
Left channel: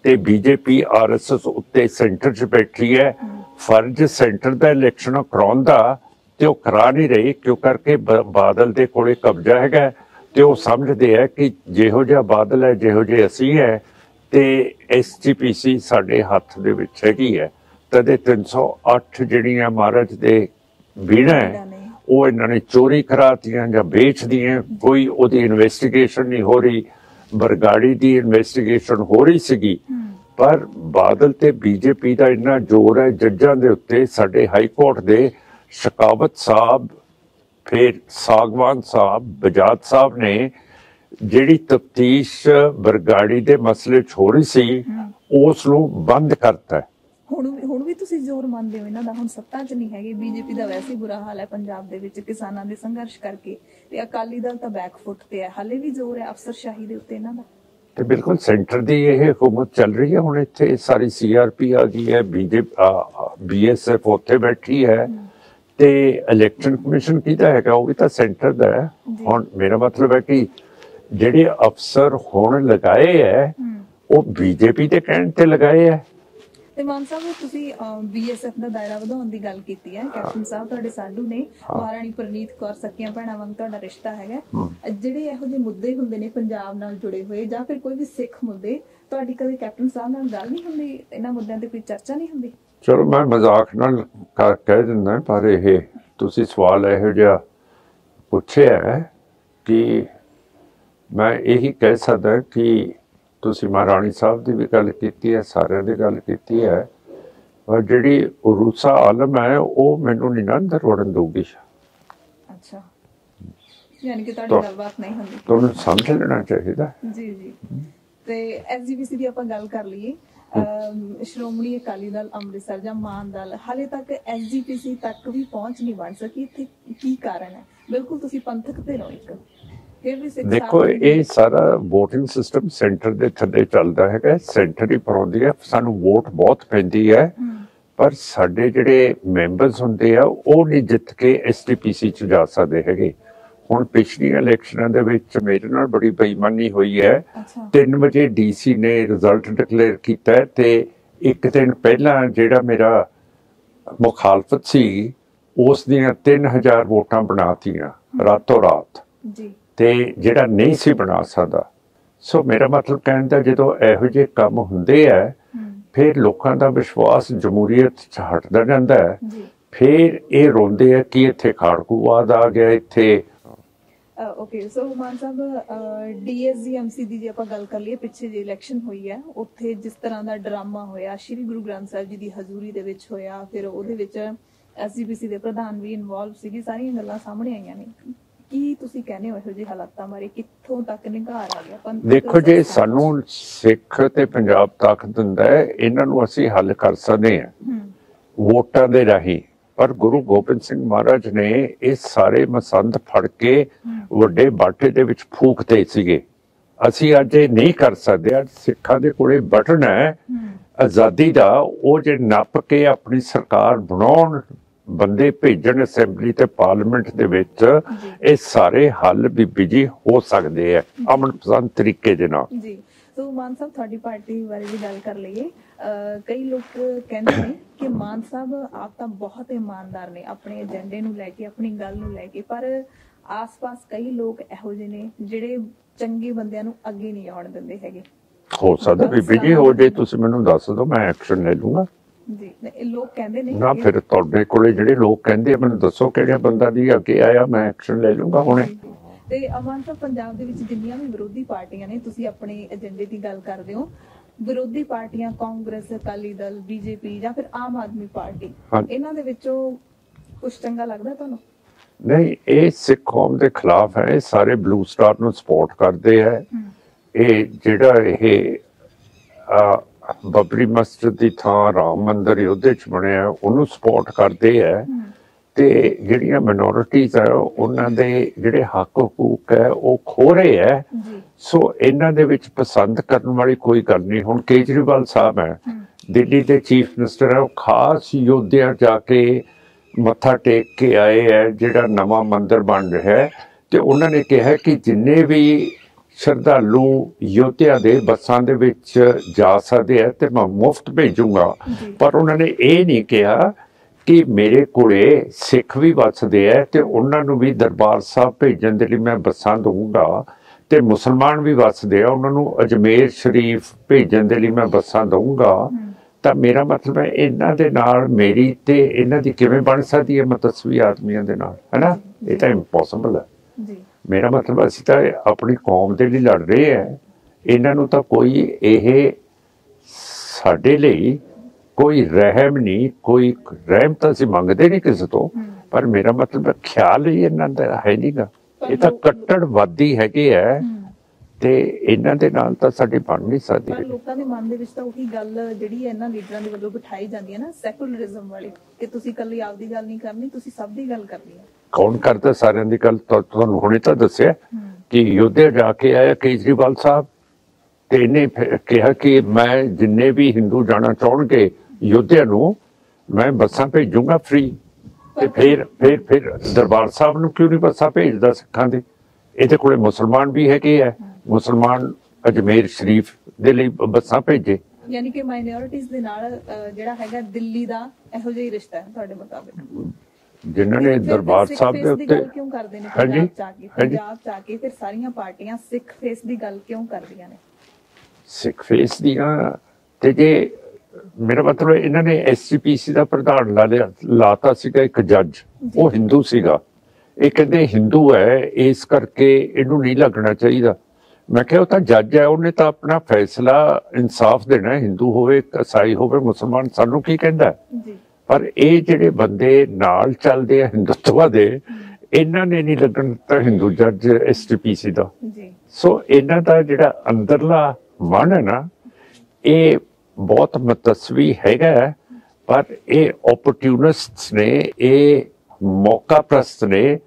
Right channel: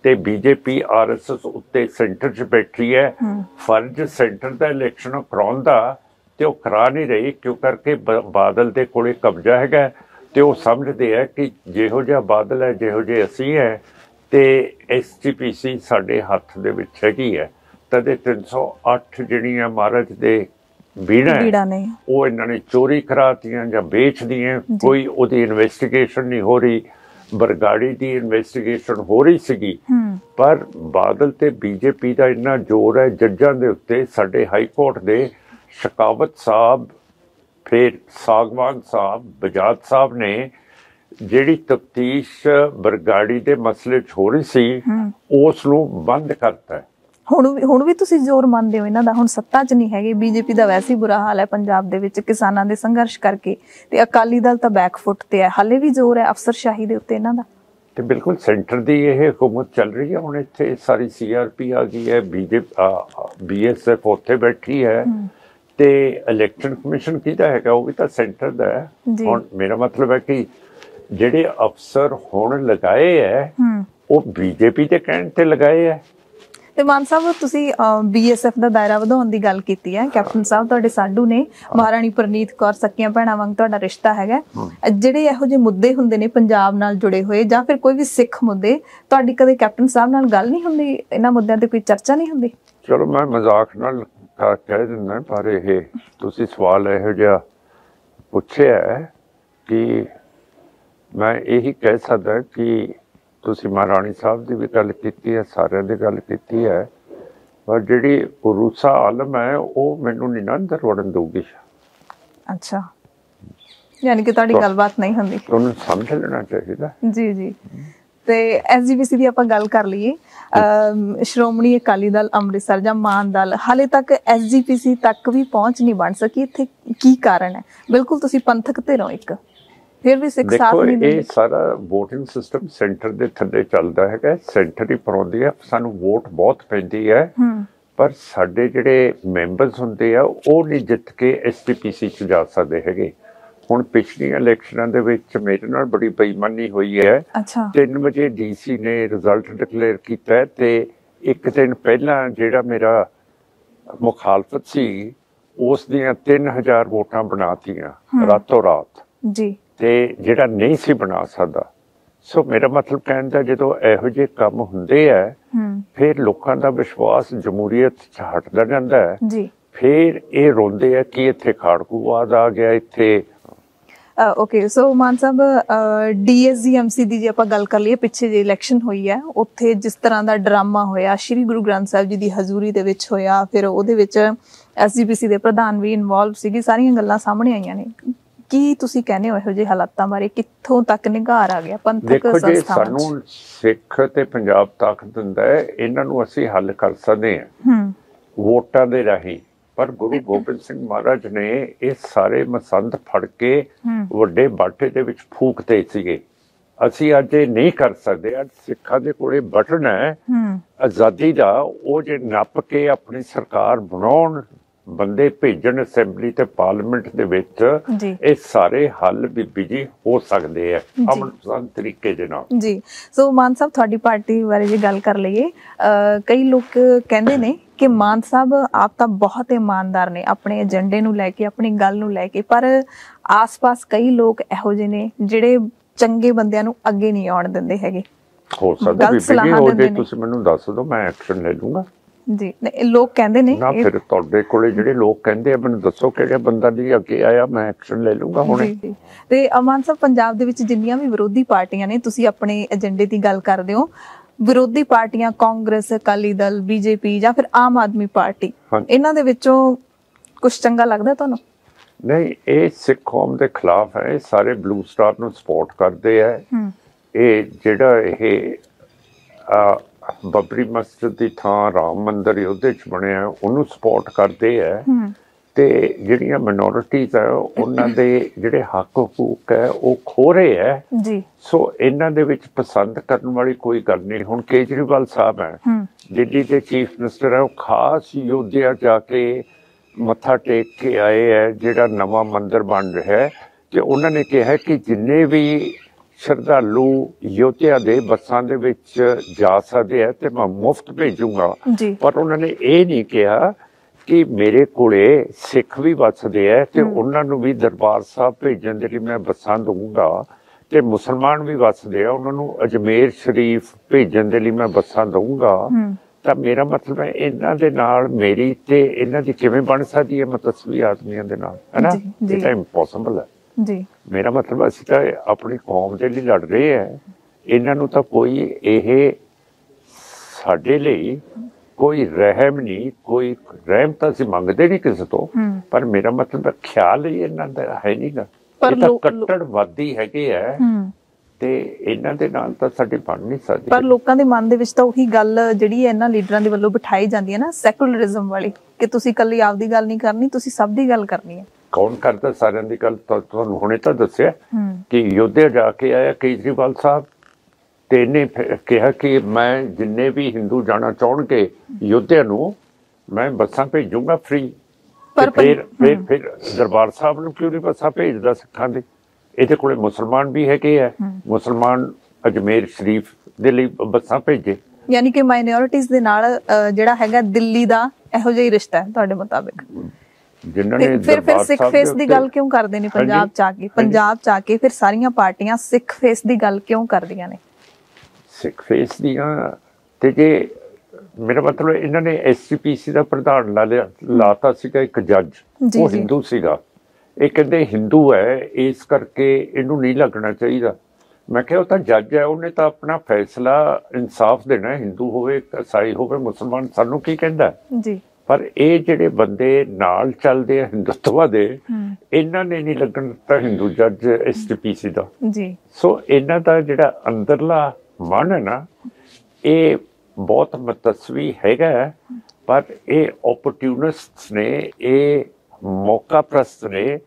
ਤੇ BJP RSS ਉੱਤੇ ਸੈਂਟਰ 'ਚ ਬੈਠੀ ਹੈ। ਫਰਜ਼ ਸੈਂਟਰ ਦਾ ਇਲੈਕਸ਼ਨ ਕਰਾਉਣ ਦਾ ਤੇ ਉਹ ਕਰਾ ਨਹੀਂ ਰਹੀ, ਕਿਉਂ ਕਰਕੇ ਬਾਦਲ ਦੇ ਕੋਲੇ ਕਬਜ਼ਾ ਹੈਗਾ ਤੇ ਉਹ ਸਮਝਦੇ ਆ ਕਿ ਜਿਹੋ ਜਿਹਾ ਬਾਦਲ ਹੈ ਜਿਹੋ ਜਿਹੇ ਅਸੀਂ ਹੈ ਤੇ SGPC ਸਾਡੇ ਹੱਥ ਦੇ ਵਿੱਚ ਹੈਗੀ ਹੈ। ਤਦੇ 308 ਜਿਹੜੀਆਂ ਮਹਾਰਾਜ ਦੇ ਬੀੜਾ ਨੇ ਉਹ ਇਹਨਾਂ ਨੇ ਚੋਰੀ ਕਰਾਤੀਆਂ ਜਾਂ ਵੇਚਦੀਆਂ। ਕੋਈ ਉਹਦੀ ਇਨਵੈਸਟੀਗੇਸ਼ਨ ਨਹੀਂ ਹੋ ਰਹੀ। ਬਰਗਾੜੀ ਦੀ ਇਨਵੈਸਟੀਗੇਸ਼ਨ ਹੋ ਰਹੀ ਸੀਗੀ, ਪਰ ਬਾਦਲ ਤੇ BJP ਦਾ ਇੰਨਾ ਜ਼ੋਰ ਹੈ ਜੱਜਾਂ ਦੇ ਉੱਤੇ। ਸਾਡੇ ਹਾਈ ਕੋਰਟ ਦੇ ਸ਼ਕਾਵਤ ਸਾਹਿਬ, ਫਿਰ ਸਾਗਵਾਨ ਸਾਹਿਬ, ਬਜਾਜ ਸਾਹਿਬ ਨੇ ਜਿਹੜੀ ਤਫਤੀਸ਼ ਬਰਗਾੜੀ ਦੇ ਮਸਲੇ 'ਚ ਹੋ ਰਹੀ ਸੀ ਉਸ ਨੂੰ ਬੰਦ ਕਰਤਾ। ਹੁਣ ਵੀ ਤੁਸੀਂ ਜ਼ੋਰ ਮੰਨਦੇ ਹੋ ਇਹਨਾਂ ਦਾ? ਹੁਣ ਸੱਤਾ 'ਚ ਨਹੀਂ ਹੈਗੇ, BJP ਦਾ ਵੈਸੇ ਹੀ ਬੁਰਾ ਹਾਲ ਹੈ ਪੰਜਾਬ ਦੇ ਵਿੱਚ ਕਿਸਾਨਾਂ ਦੇ ਸੰਘਰਸ਼ ਕਰਕੇ, ਤੇ ਅਕਾਲੀ ਦਲ ਤਾਂ ਬੈਕਫੁੱਟ ਤੇ ਹੈ। ਹਾਲੇ ਵੀ ਜ਼ੋਰ ਹੈ ਅਫਸਰਸ਼ਾਹੀ ਦੇ ਉੱਤੇ ਇਹਨਾਂ ਦਾ। ਤੇ ਬਿਲਕੁਲ ਸੈਂਟਰ ਦੀ ਇਹ ਹਕੂਮਤ ਚੱਲ ਰਹੀ ਹੈ। ਹੁਣ ਇੱਥੇ ਸਾਰੀ CRP ਆ ਗਈ ਹੈ, BSF ਉੱਥੇ ਬੈਠੀ ਹੈ ਤੇ ਇਲੈਕਸ਼ਨ ਕਮਿਸ਼ਨ ਕਿਹਦਾ ਹੈਗਾ? ਉਹ ਵੀ ਤਾਂ ਸੈਂਟਰ ਦਾ ਹੈ। ਹੁਣ ਮੇਰਾ ਮਤਲਬ ਹੈ ਕਿ ਜਿਹੜੇ ਅਫਸਰ ਹੁਣ ਲਗਾਏ ਹੈ ਉਹ BJP ਦੇ ਕਹਿਣ ਤੇ ਲਗਾਏ ਹੈ। ਤੇ ਮਾਨ ਸਾਹਿਬ, ਤੁਸੀਂ BSF ਦਾ ਦਾਇਰਾ ਵਧਾਉਣ ਦੀ ਗੱਲ ਕੀਤੀ ਹੈ। ਕੈਪਟਨ ਸਾਹਿਬ ਤੁਹਾਡੇ ਸਾਡੂ ਨੇ, ਮਹਾਰਾਣੀ ਪ੍ਰਨੀਤ ਕੌਰ ਸਕੀਆਂ ਭੈਣਾਂ ਵਾਂਗ ਤੁਹਾਡਾ ਰਿਸ਼ਤਾ ਹੈਗਾ। ਜਿਹੜੇ ਇਹੋ ਜਿਹੇ ਮੁੱਦੇ ਹੁੰਦੇ ਨੇ ਪੰਜਾਬ ਨਾਲ ਜੁੜੇ ਹੋਏ ਜਾਂ ਫਿਰ ਕੋਈ ਵੀ ਸਿੱਖ ਮੁੱਦੇ, ਤੁਹਾਡੀ ਕਦੇ ਕੈਪਟਨ ਸਾਹਿਬ ਨਾਲ ਗੱਲ ਨਹੀਂ ਹੁੰਦੀ? ਇਹਨਾਂ ਮੁੱਦਿਆਂ ਤੇ ਕੋਈ ਚਰਚਾ ਨਹੀਂ ਹੁੰਦੀ? ਚਲੋ ਮੈਂ ਮਜ਼ਾਕ ਨਾਲ ਕਹਿ ਦਿੰਦਾ, ਪਰ ਇਹ ਤੁਸੀਂ ਸਵਾਲ ਇਹੋ ਜਿਹਾ ਪੁੱਛਿਆ ਕਿ ਮੈਂ ਇਹੀ ਕਹਿ ਸਕਦਾ ਕਿ ਤੁਸੀਂ ਮਹਾਰਾਣੀ ਸਾਹਿਬ ਦੀ ਵੀ ਗੱਲ ਕੀਤੀ ਹੈ, ਸਾਰਿਆਂ ਦੀ ਗੱਲ ਕੀਤੀ ਹੈ, ਪਰ ਜਿਹੜੀ ਉਰੂਸਾ ਆਲਮ ਹੈ ਉਹ ਮੈਨੂੰ ਨਹੀਂ ਅੰਦਰ ਵੜਨ ਦਊਗੀ। ਅੱਛਾ, ਯਾਨੀ ਕਿ ਤੁਹਾਡੀ ਗੱਲਬਾਤ ਨਹੀਂ ਹੁੰਦੀ। ਤੁਹਾਨੂੰ ਸਮਝ ਲੈਣਾ ਚਾਹੀਦਾ। ਜੀ ਜੀ। ਤੇ SGPC ਦੀ ਆਪਾਂ ਗੱਲ ਕਰ ਲਈਏ, ਸ਼੍ਰੋਮਣੀ ਅਕਾਲੀ ਦਲ ਅੰਮ੍ਰਿਤਸਰ ਜਾਂ ਮਾਨ ਦਲ ਹਾਲੇ ਤੱਕ SGPC ਤੱਕ ਵੀ ਪਹੁੰਚ ਨਹੀਂ ਬਣ ਸਕੀ। ਇੱਥੇ ਕੀ ਕਾਰਨ ਹੈ? ਬਿਲਕੁਲ ਤੁਸੀਂ ਪੰਥਕ ਧਿਰੋਂ ਇੱਕ, ਫਿਰ ਵੀ ਸਿੱਖ ਸਾਥ ਦੇਖੋ ਇਹ ਸਾਰਾ ਵੋਟਿੰਗ ਸਿਸਟਮ ਸੈਂਟਰ ਦੇ ਥੱਲੇ ਚੱਲਦਾ ਹੈਗਾ। ਸੈਂਟਰ ਹੀ ਪਰਾਉਂਦੀ ਹੈ, ਸਾਨੂੰ ਵੋਟ ਬਹੁਤ ਪੈਂਦੀ ਹੈ, ਪਰ ਸਾਡੇ ਜਿਹੜੇ ਮੈਂਬਰਸ ਹੁੰਦੇ ਆ ਉਹ ਨਹੀਂ ਜਿੱਤ ਕੇ SGPC 'ਚ ਜਾ ਸਕਦੇ ਹੈਗੇ। ਹੁਣ ਪਿਛਲੀਆਂ ਇਲੈਕਸ਼ਨਾਂ ਦੇ ਵਿੱਚ ਮੇਰੇ ਨਾਲ ਬੜੀ ਬੇਈਮਾਨੀ ਹੋਈ ਹੈ। 3 ਵਜੇ DC ਨੇ ਰਿਜ਼ਲਟ ਡਿਕਲੇਅਰ ਕੀਤਾ ਤੇ ਇੱਕ ਦਿਨ ਪਹਿਲਾਂ ਜਿਹੜਾ ਮੇਰਾ ਮੁਖਾਲਫਤ ਸੀ ਉਸ ਦੀਆਂ 3000 ਵੋਟਾਂ ਬਣਾਤੀਆਂ ਰਾਤੋਂ ਰਾਤ ਜੀ, ਤੇ ਜਿਹੜਾ ਨਹੀਂ ਸੀ ਬਣਾ ਸਕਦਾ। ਸੋ ਮੇਰਾ ਮਤਲਬ ਕਹਿਣ ਦਾ, ਜਦੋਂ ਇਹੋ ਜਿਹੇ ਕੰਮ ਹੁੰਦੇ ਆ ਫਿਰ ਲੋਕਾਂ ਦਾ ਵਿਸ਼ਵਾਸ ਜਮਹੂਰੀਅਤ 'ਚ ਹਟਦਾ ਜਾਂਦਾ ਹੈ। ਫਿਰ ਇਹ ਰੋਂਦੇ ਆ ਕਿ ਇੱਥੇ ਖਾੜਕੂਵਾਦ ਆ ਗਿਆ ਇੱਥੇ। ਓਕੇ, ਸੋ ਮਾਨ ਸਾਹਿਬ, DSGMC ਦੀ ਜੇ ਆਪਾਂ ਗੱਲ ਕਰ ਲਈਏ, ਪਿੱਛੇ ਜੇ ਇਲੈਕਸ਼ਨ ਹੋਈ ਹੈ ਉੱਥੇ ਜਿਸ ਤਰ੍ਹਾਂ ਦਾ ਡਰਾਮਾ ਹੋਇਆ ਸ਼੍ਰੀ ਗੁਰੂ ਗ੍ਰੰਥ ਸਾਹਿਬ ਜੀ ਦੀ ਹਜ਼ੂਰੀ ਦੇ ਵਿੱਚ ਹੋਇਆ, ਫਿਰ ਉਹਦੇ ਵਿੱਚ SGPC ਦੇ ਪ੍ਰਧਾਨ ਵੀ ਇਨਵੋਲਵ ਸੀਗੇ, ਸਾਰੀਆਂ ਗੱਲਾਂ ਸਾਹਮਣੇ ਆਈਆਂ ਨੇ। ਕੀ ਤੁਸੀਂ ਕਹਿੰਦੇ ਹੋ ਇਹੋ ਜਿਹੇ ਹਾਲਾਤਾਂ ਬਾਰੇ? ਕਿੱਥੋਂ ਤੱਕ ਨਿਘਾਰ ਆ ਗਿਆ ਪੰਥਕ? ਦੇਖੋ, ਜੇ ਸਾਨੂੰ ਸਿੱਖ ਤੇ ਪੰਜਾਬ ਤਾਕਤ ਦਿੰਦਾ ਹੈ, ਇਹਨਾਂ ਨੂੰ ਅਸੀਂ ਹੱਲ ਕਰ ਸਕਦੇ ਹਾਂ ਵੋਟਾਂ ਦੇ ਰਾਹੀਂ। ਪਰ ਗੁਰੂ ਗੋਬਿੰਦ ਸਿੰਘ ਮਹਾਰਾਜ ਨੇ ਇਹ ਸਾਰੇ ਮਸੰਦ ਫੜ ਕੇ ਵੱਡੇ ਬਾਟੇ ਦੇ ਵਿੱਚ ਫੂਕਦੇ ਸੀਗੇ। ਅਸੀਂ ਅੱਜ ਇਹ ਨਹੀਂ ਕਰ ਸਕਦੇ। ਅੱਜ ਸਿੱਖਾਂ ਦੇ ਕੋਲੇ ਬਟਨ ਹੈ ਆਜ਼ਾਦੀ ਦਾ, ਉਹ ਜੇ ਨੱਪ ਕੇ ਆਪਣੀ ਸਰਕਾਰ ਬਣਾਉਣ, ਬੰਦੇ ਭੇਜਣ ਅਸੈਂਬਲੀ ਤੇ ਪਾਰਲੀਮੈਂਟ ਦੇ ਵਿੱਚ, ਇਹ ਸਾਰੇ ਹੱਲ ਬੀਬੀ ਜੀ ਹੋ ਸਕਦੇ ਆ ਅਮਨ ਪਸੰਦ ਤਰੀਕੇ ਦੇ ਨਾਲ। ਜੀ। ਸੋ ਮਾਨ ਸਾਹਿਬ, ਤੁਹਾਡੀ ਪਾਰਟੀ ਬਾਰੇ ਜੇ ਗੱਲ ਕਰ ਲਈਏ, ਕਈ ਲੋਕ ਕਹਿੰਦੇ ਨੇ ਕਿ ਮਾਨ ਸਾਹਿਬ ਆਪ ਤਾਂ ਬਹੁਤ ਇਮਾਨਦਾਰ ਨੇ ਆਪਣੇ ਏਜੰਡੇ ਨੂੰ ਲੈ ਕੇ, ਆਪਣੀ ਗੱਲ ਨੂੰ ਲੈ ਕੇ, ਪਰ ਆਸ-ਪਾਸ ਕਈ ਲੋਕ ਇਹੋ ਜਿਹੇ ਨੇ ਜਿਹੜੇ ਚੰਗੇ ਬੰਦਿਆਂ ਨੂੰ ਅੱਗੇ ਨਹੀਂ ਆਉਣ ਦਿੰਦੇ ਹੈਗੇ। ਹੋ ਸਕਦਾ ਬੀਬੀ ਜੀ ਹੋ ਜੇ, ਤੁਸੀਂ ਮੈਨੂੰ ਦੱਸ ਦਿਓ, ਮੈਂ ਐਕਸ਼ਨ ਲੈ ਲੂੰਗਾ। ਜੀ, ਲੋਕ ਕਹਿੰਦੇ ਨੇ ਨਾ, ਫਿਰ ਤੁਹਾਡੇ ਕੋਲੇ ਜਿਹੜੇ ਲੋਕ ਕਹਿੰਦੇ ਆ ਮੈਨੂੰ ਦੱਸੋ ਕਿਹੜੇ ਬੰਦਾ ਦੀ ਅੱਗੇ ਆਇਆ, ਮੈਂ ਐਕਸ਼ਨ ਲੈ ਲੂੰਗਾ ਹੁਣੇ। ਤੇ ਮਾਨ ਸਾਹਿਬ, ਪੰਜਾਬ ਦੇ ਵਿੱਚ ਜਿੰਨੀਆਂ ਵੀ ਵਿਰੋਧੀ ਪਾਰਟੀਆਂ ਨੇ, ਤੁਸੀਂ ਆਪਣੇ ਏਜੰਡੇ ਦੀ ਗੱਲ ਕਰਦੇ ਹੋ, ਵਿਰੋਧੀ ਪਾਰਟੀਆਂ ਕਾਂਗਰਸ, ਅਕਾਲੀ ਦਲ, BJP ਜਾਂ ਫਿਰ ਆਮ ਆਦਮੀ ਪਾਰਟੀ, ਇਹਨਾਂ ਦੇ ਵਿੱਚੋਂ ਕੁਝ ਚੰਗਾ ਲੱਗਦਾ ਤੁਹਾਨੂੰ? ਨਹੀਂ, ਇਹ ਸਿੱਖ ਕੌਮ ਦੇ ਖਿਲਾਫ ਹੈ। ਸਾਰੇ ਬਲੂ ਸਟਾਰ ਨੂੰ ਸਪੋਰਟ ਕਰਦੇ ਆ। ਇਹ ਜਿਹੜਾ ਇਹ ਬਬਰੀ ਮਸਜਿਦ ਦੀ ਥਾਂ ਰਾਮ ਮੰਦਿਰ ਉਹਦੇ 'ਚ ਬਣਿਆ, ਉਹਨੂੰ ਸਪੋਰਟ ਕਰਦੇ ਆ। ਤੇ ਜਿਹੜੀਆਂ ਮਿਨੋਰਿਟੀਜ਼ ਆ ਉਹਨਾਂ ਦੇ ਜਿਹੜੇ ਹੱਕ ਹਕੂਕ ਹੈ ਉਹ ਖੋ ਰਹੇ ਹੈ। ਸੋ ਇਹਨਾਂ ਦੇ ਵਿੱਚ ਪਸੰਦ ਕਰਨ ਵਾਲੀ ਕੋਈ ਗੱਲ ਨਹੀਂ। ਹੁਣ ਕੇਜਰੀਵਾਲ ਸਾਹਿਬ ਹੈ, ਦਿੱਲੀ ਦੇ ਚੀਫ ਮਿਨਿਸਟਰ ਹੈ, ਉਹ ਖਾਸ ਯੋਧਿਆ ਜਾ ਕੇ ਮੱਥਾ ਟੇਕ ਕੇ ਆਏ ਹੈ, ਜਿਹੜਾ ਨਵਾਂ ਮੰਦਿਰ ਬਣ ਰਿਹਾ ਹੈ, ਤੇ ਉਹਨਾਂ ਨੇ ਕਿਹਾ ਕਿ ਜਿੰਨੇ ਵੀ ਸ਼ਰਧਾਲੂ ਯੋਧਿਆ ਦੇ ਬੱਸਾਂ ਦੇ ਵਿੱਚ ਜਾ ਸਕਦੇ ਆ ਤੇ ਮੈਂ ਮੁਫਤ ਭੇਜੂਗਾ। ਪਰ ਉਹਨਾਂ ਨੇ ਇਹ ਨਹੀਂ ਕਿਹਾ ਕਿ ਮੇਰੇ ਕੋਲੇ ਸਿੱਖ ਵੀ ਵੱਸਦੇ ਆ ਤੇ ਉਹਨਾਂ ਨੂੰ ਵੀ ਦਰਬਾਰ ਸਾਹਿਬ ਭੇਜਣ ਦੇ ਲਈ ਮੈਂ ਬੱਸਾਂ ਦਊਂਗਾ, ਤੇ ਮੁਸਲਮਾਨ ਵੀ ਵੱਸਦੇ ਆ, ਉਹਨਾਂ ਨੂੰ ਅਜਮੇਰ ਸ਼ਰੀਫ ਭੇਜਣ ਦੇ ਲਈ ਮੈਂ ਬੱਸਾਂ ਦਊਂਗਾ। ਤਾਂ ਮੇਰਾ ਮਤਲਬ ਹੈ ਇਹਨਾਂ ਦੇ ਨਾਲ ਮੇਰੀ ਤੇ ਇਹਨਾਂ ਦੀ ਕਿਵੇਂ ਬਣ ਸਕਦੀ ਹੈ ਮਤਸਵੀ ਆਦਮੀਆਂ ਦੇ ਨਾਲ, ਹੈ ਨਾ? ਇਹ ਤਾਂ ਇੰਪੋਸੀਬਲ ਹੈ ਜੀ। ਮੇਰਾ ਮਤਲਬ ਅਸੀਂ ਤਾਂ ਆਪਣੀ ਕੌਮ ਦੇ ਲਈ ਲੜ ਰਹੇ ਆ, ਇਹਨਾਂ ਨੂੰ ਤਾਂ ਕੋਈ ਇਹ ਸਾਡੇ ਲਈ ਕੋਈ ਰਹਿਮ ਨਹੀਂ, ਕੋਈ ਰਹਿਮ ਤਾਂ ਅਸੀਂ ਮੰਗਦੇ ਨਹੀਂ ਕਿਸੇ ਤੋਂ, ਪਰ ਮੇਰਾ ਮਤਲਬ ਖਿਆਲ ਹੀ ਇਹਨਾਂ ਦਾ ਹੈ ਨਹੀਂਗਾ। ਇਹ ਤਾਂ ਕੱਟੜਵਾਦੀ ਹੈਗੇ ਆ ਤੇ ਇਹਨਾਂ ਦੇ ਨਾਲ ਤਾਂ ਸਾਡੀ ਬਣ ਨਹੀਂ ਸਕਦੀ। ਪਰ ਲੋਕਾਂ ਦੇ ਮਨ ਦੇ ਵਿੱਚ ਤਾਂ ਉਹੀ ਗੱਲ ਜਿਹੜੀ ਹੈ ਇਹਨਾਂ ਲੀਡਰਾਂ ਦੇ ਵੱਲੋਂ ਬਿਠਾਈ ਜਾਂਦੀ ਹੈ ਨਾ, ਸੈਕੂਲਰਿਜ਼ਮ ਵਾਲੀ, ਕਿ ਤੁਸੀਂ ਇਕੱਲੀ ਆਪਦੀ ਗੱਲ ਨਹੀਂ ਕਰਨੀ, ਤੁਸੀਂ ਸਭ ਦੀ ਗੱਲ ਕਰਨੀ ਹੈ। ਕੌਣ ਕਰਦਾ ਸਾਰਿਆਂ ਦੀ ਗੱਲ? ਤੁਹਾਨੂੰ ਹੁਣੇ ਤਾਂ ਦੱਸਿਆ ਕਿ ਯੋਧਿਆ ਜਾ ਕੇ ਆਇਆ ਕੇਜਰੀਵਾਲ ਸਾਹਿਬ, ਤੇ ਇਹਨੇ ਕਿਹਾ ਕਿ ਮੈਂ ਜਿੰਨੇ ਵੀ ਹਿੰਦੂ ਜਾਣਾ ਚਾਹਣਗੇ ਯੋਧਿਆ ਨੂੰ ਮੈਂ ਬੱਸਾਂ ਭੇਜੂਗਾ ਫ੍ਰੀ। ਫਿਰ ਦਰਬਾਰ ਸਾਹਿਬ ਨੂੰ ਕਿਉਂ ਨਹੀਂ ਬੱਸਾਂ ਭੇਜਦਾ ਸਿੱਖਾਂ ਦੇ? ਇਹਦੇ ਕੋਲੇ ਮੁਸਲਮਾਨ ਵੀ ਹੈਗੇ ਆ, ਮੁਸਲਮਾਨ ਅਜਮੇਰ ਸ਼ਰੀਫ ਦੇ ਲਈ ਬੱਸਾਂ ਭੇਜੇ। ਯਾਨੀ ਕਿ ਮਾਈਨੋਰਿਟੀਜ਼ ਦੇ ਨਾਲ ਜਿਹੜਾ ਹੈਗਾ ਦਿੱਲੀ ਦਾ ਇਹੋ ਜਿਹਾ ਹੀ ਰਿਸ਼ਤਾ ਹੈ ਤੁਹਾਡੇ ਮੁਤਾਬਿਕ? ਜਿਨ੍ਹਾਂ ਨੇ ਦਰਬਾਰ ਸਿੱਖ ਸਾਹਿਬ ਫੇਸ ਦੀ ਗੱਲ ਕਿਉਂ ਕਰਦੇ ਨੇ ਪੰਜਾਬ ਚ ਆ ਕੇ? ਪੰਜਾਬ ਚ ਆ ਕੇ ਫਿਰ ਸਾਰੀਆਂ ਪਾਰਟੀਆਂ ਸਿੱਖ ਫੇਸ ਦੀ ਗੱਲ ਕਿਉਂ ਕਰਦੀਆਂ ਨੇ? ਸਿੱਖ ਫੇਸ ਦੀਆਂ ਤੇ ਜੇ ਮੇਰਾ ਮਤਲਬ ਇਹਨਾਂ ਨੇ SGPC ਦਾ ਪ੍ਰਧਾਨ ਲਾਤਾ ਸੀਗਾ ਇੱਕ ਜੱਜ, ਉਹ ਹਿੰਦੂ ਸੀਗਾ। ਇਹ ਕਹਿੰਦੇ ਹਿੰਦੂ ਹੈ ਇਸ ਕਰਕੇ ਇਹਨੂੰ ਨਹੀਂ ਲੱਗਣਾ ਚਾਹੀਦਾ। ਮੈਂ ਕਿਹਾ ਉਹ ਤਾਂ ਜੱਜ ਹੈ, ਉਹਨੇ ਤਾਂ ਆਪਣਾ ਫੈਸਲਾ ਇਨਸਾਫ ਦੇਣਾ, ਹਿੰਦੂ ਹੋਵੇ ਈਸਾਈ ਹੋਵੇ ਮੁਸਲਮਾਨ, ਸਾਨੂੰ ਕੀ ਕਹਿੰਦਾ ਜੀ। ਪਰ ਇਹ ਜਿਹੜੇ ਬੰਦੇ ਨਾਲ ਚੱਲਦੇ ਆ ਹਿੰਦੂਤਵਾ ਦੇ, ਇਹਨਾਂ ਨੇ ਨਹੀਂ ਲੱਗਣ ਦਿੱਤਾ ਹਿੰਦੂ ਜੱਜ SGPC ਦਾ ਜੀ। ਸੋ ਇਹਨਾਂ ਦਾ ਜਿਹੜਾ ਅੰਦਰਲਾ ਮਨ ਹੈ ਨਾ, ਇਹ ਬਹੁਤ ਮਤਸਵੀ ਹੈਗਾ, ਪਰ ਇਹ ਓਪਰਚੂਨਿਸਟਸ ਨੇ, ਇਹ ਮੌਕਾ ਪ੍ਰਸਤ ਨੇ,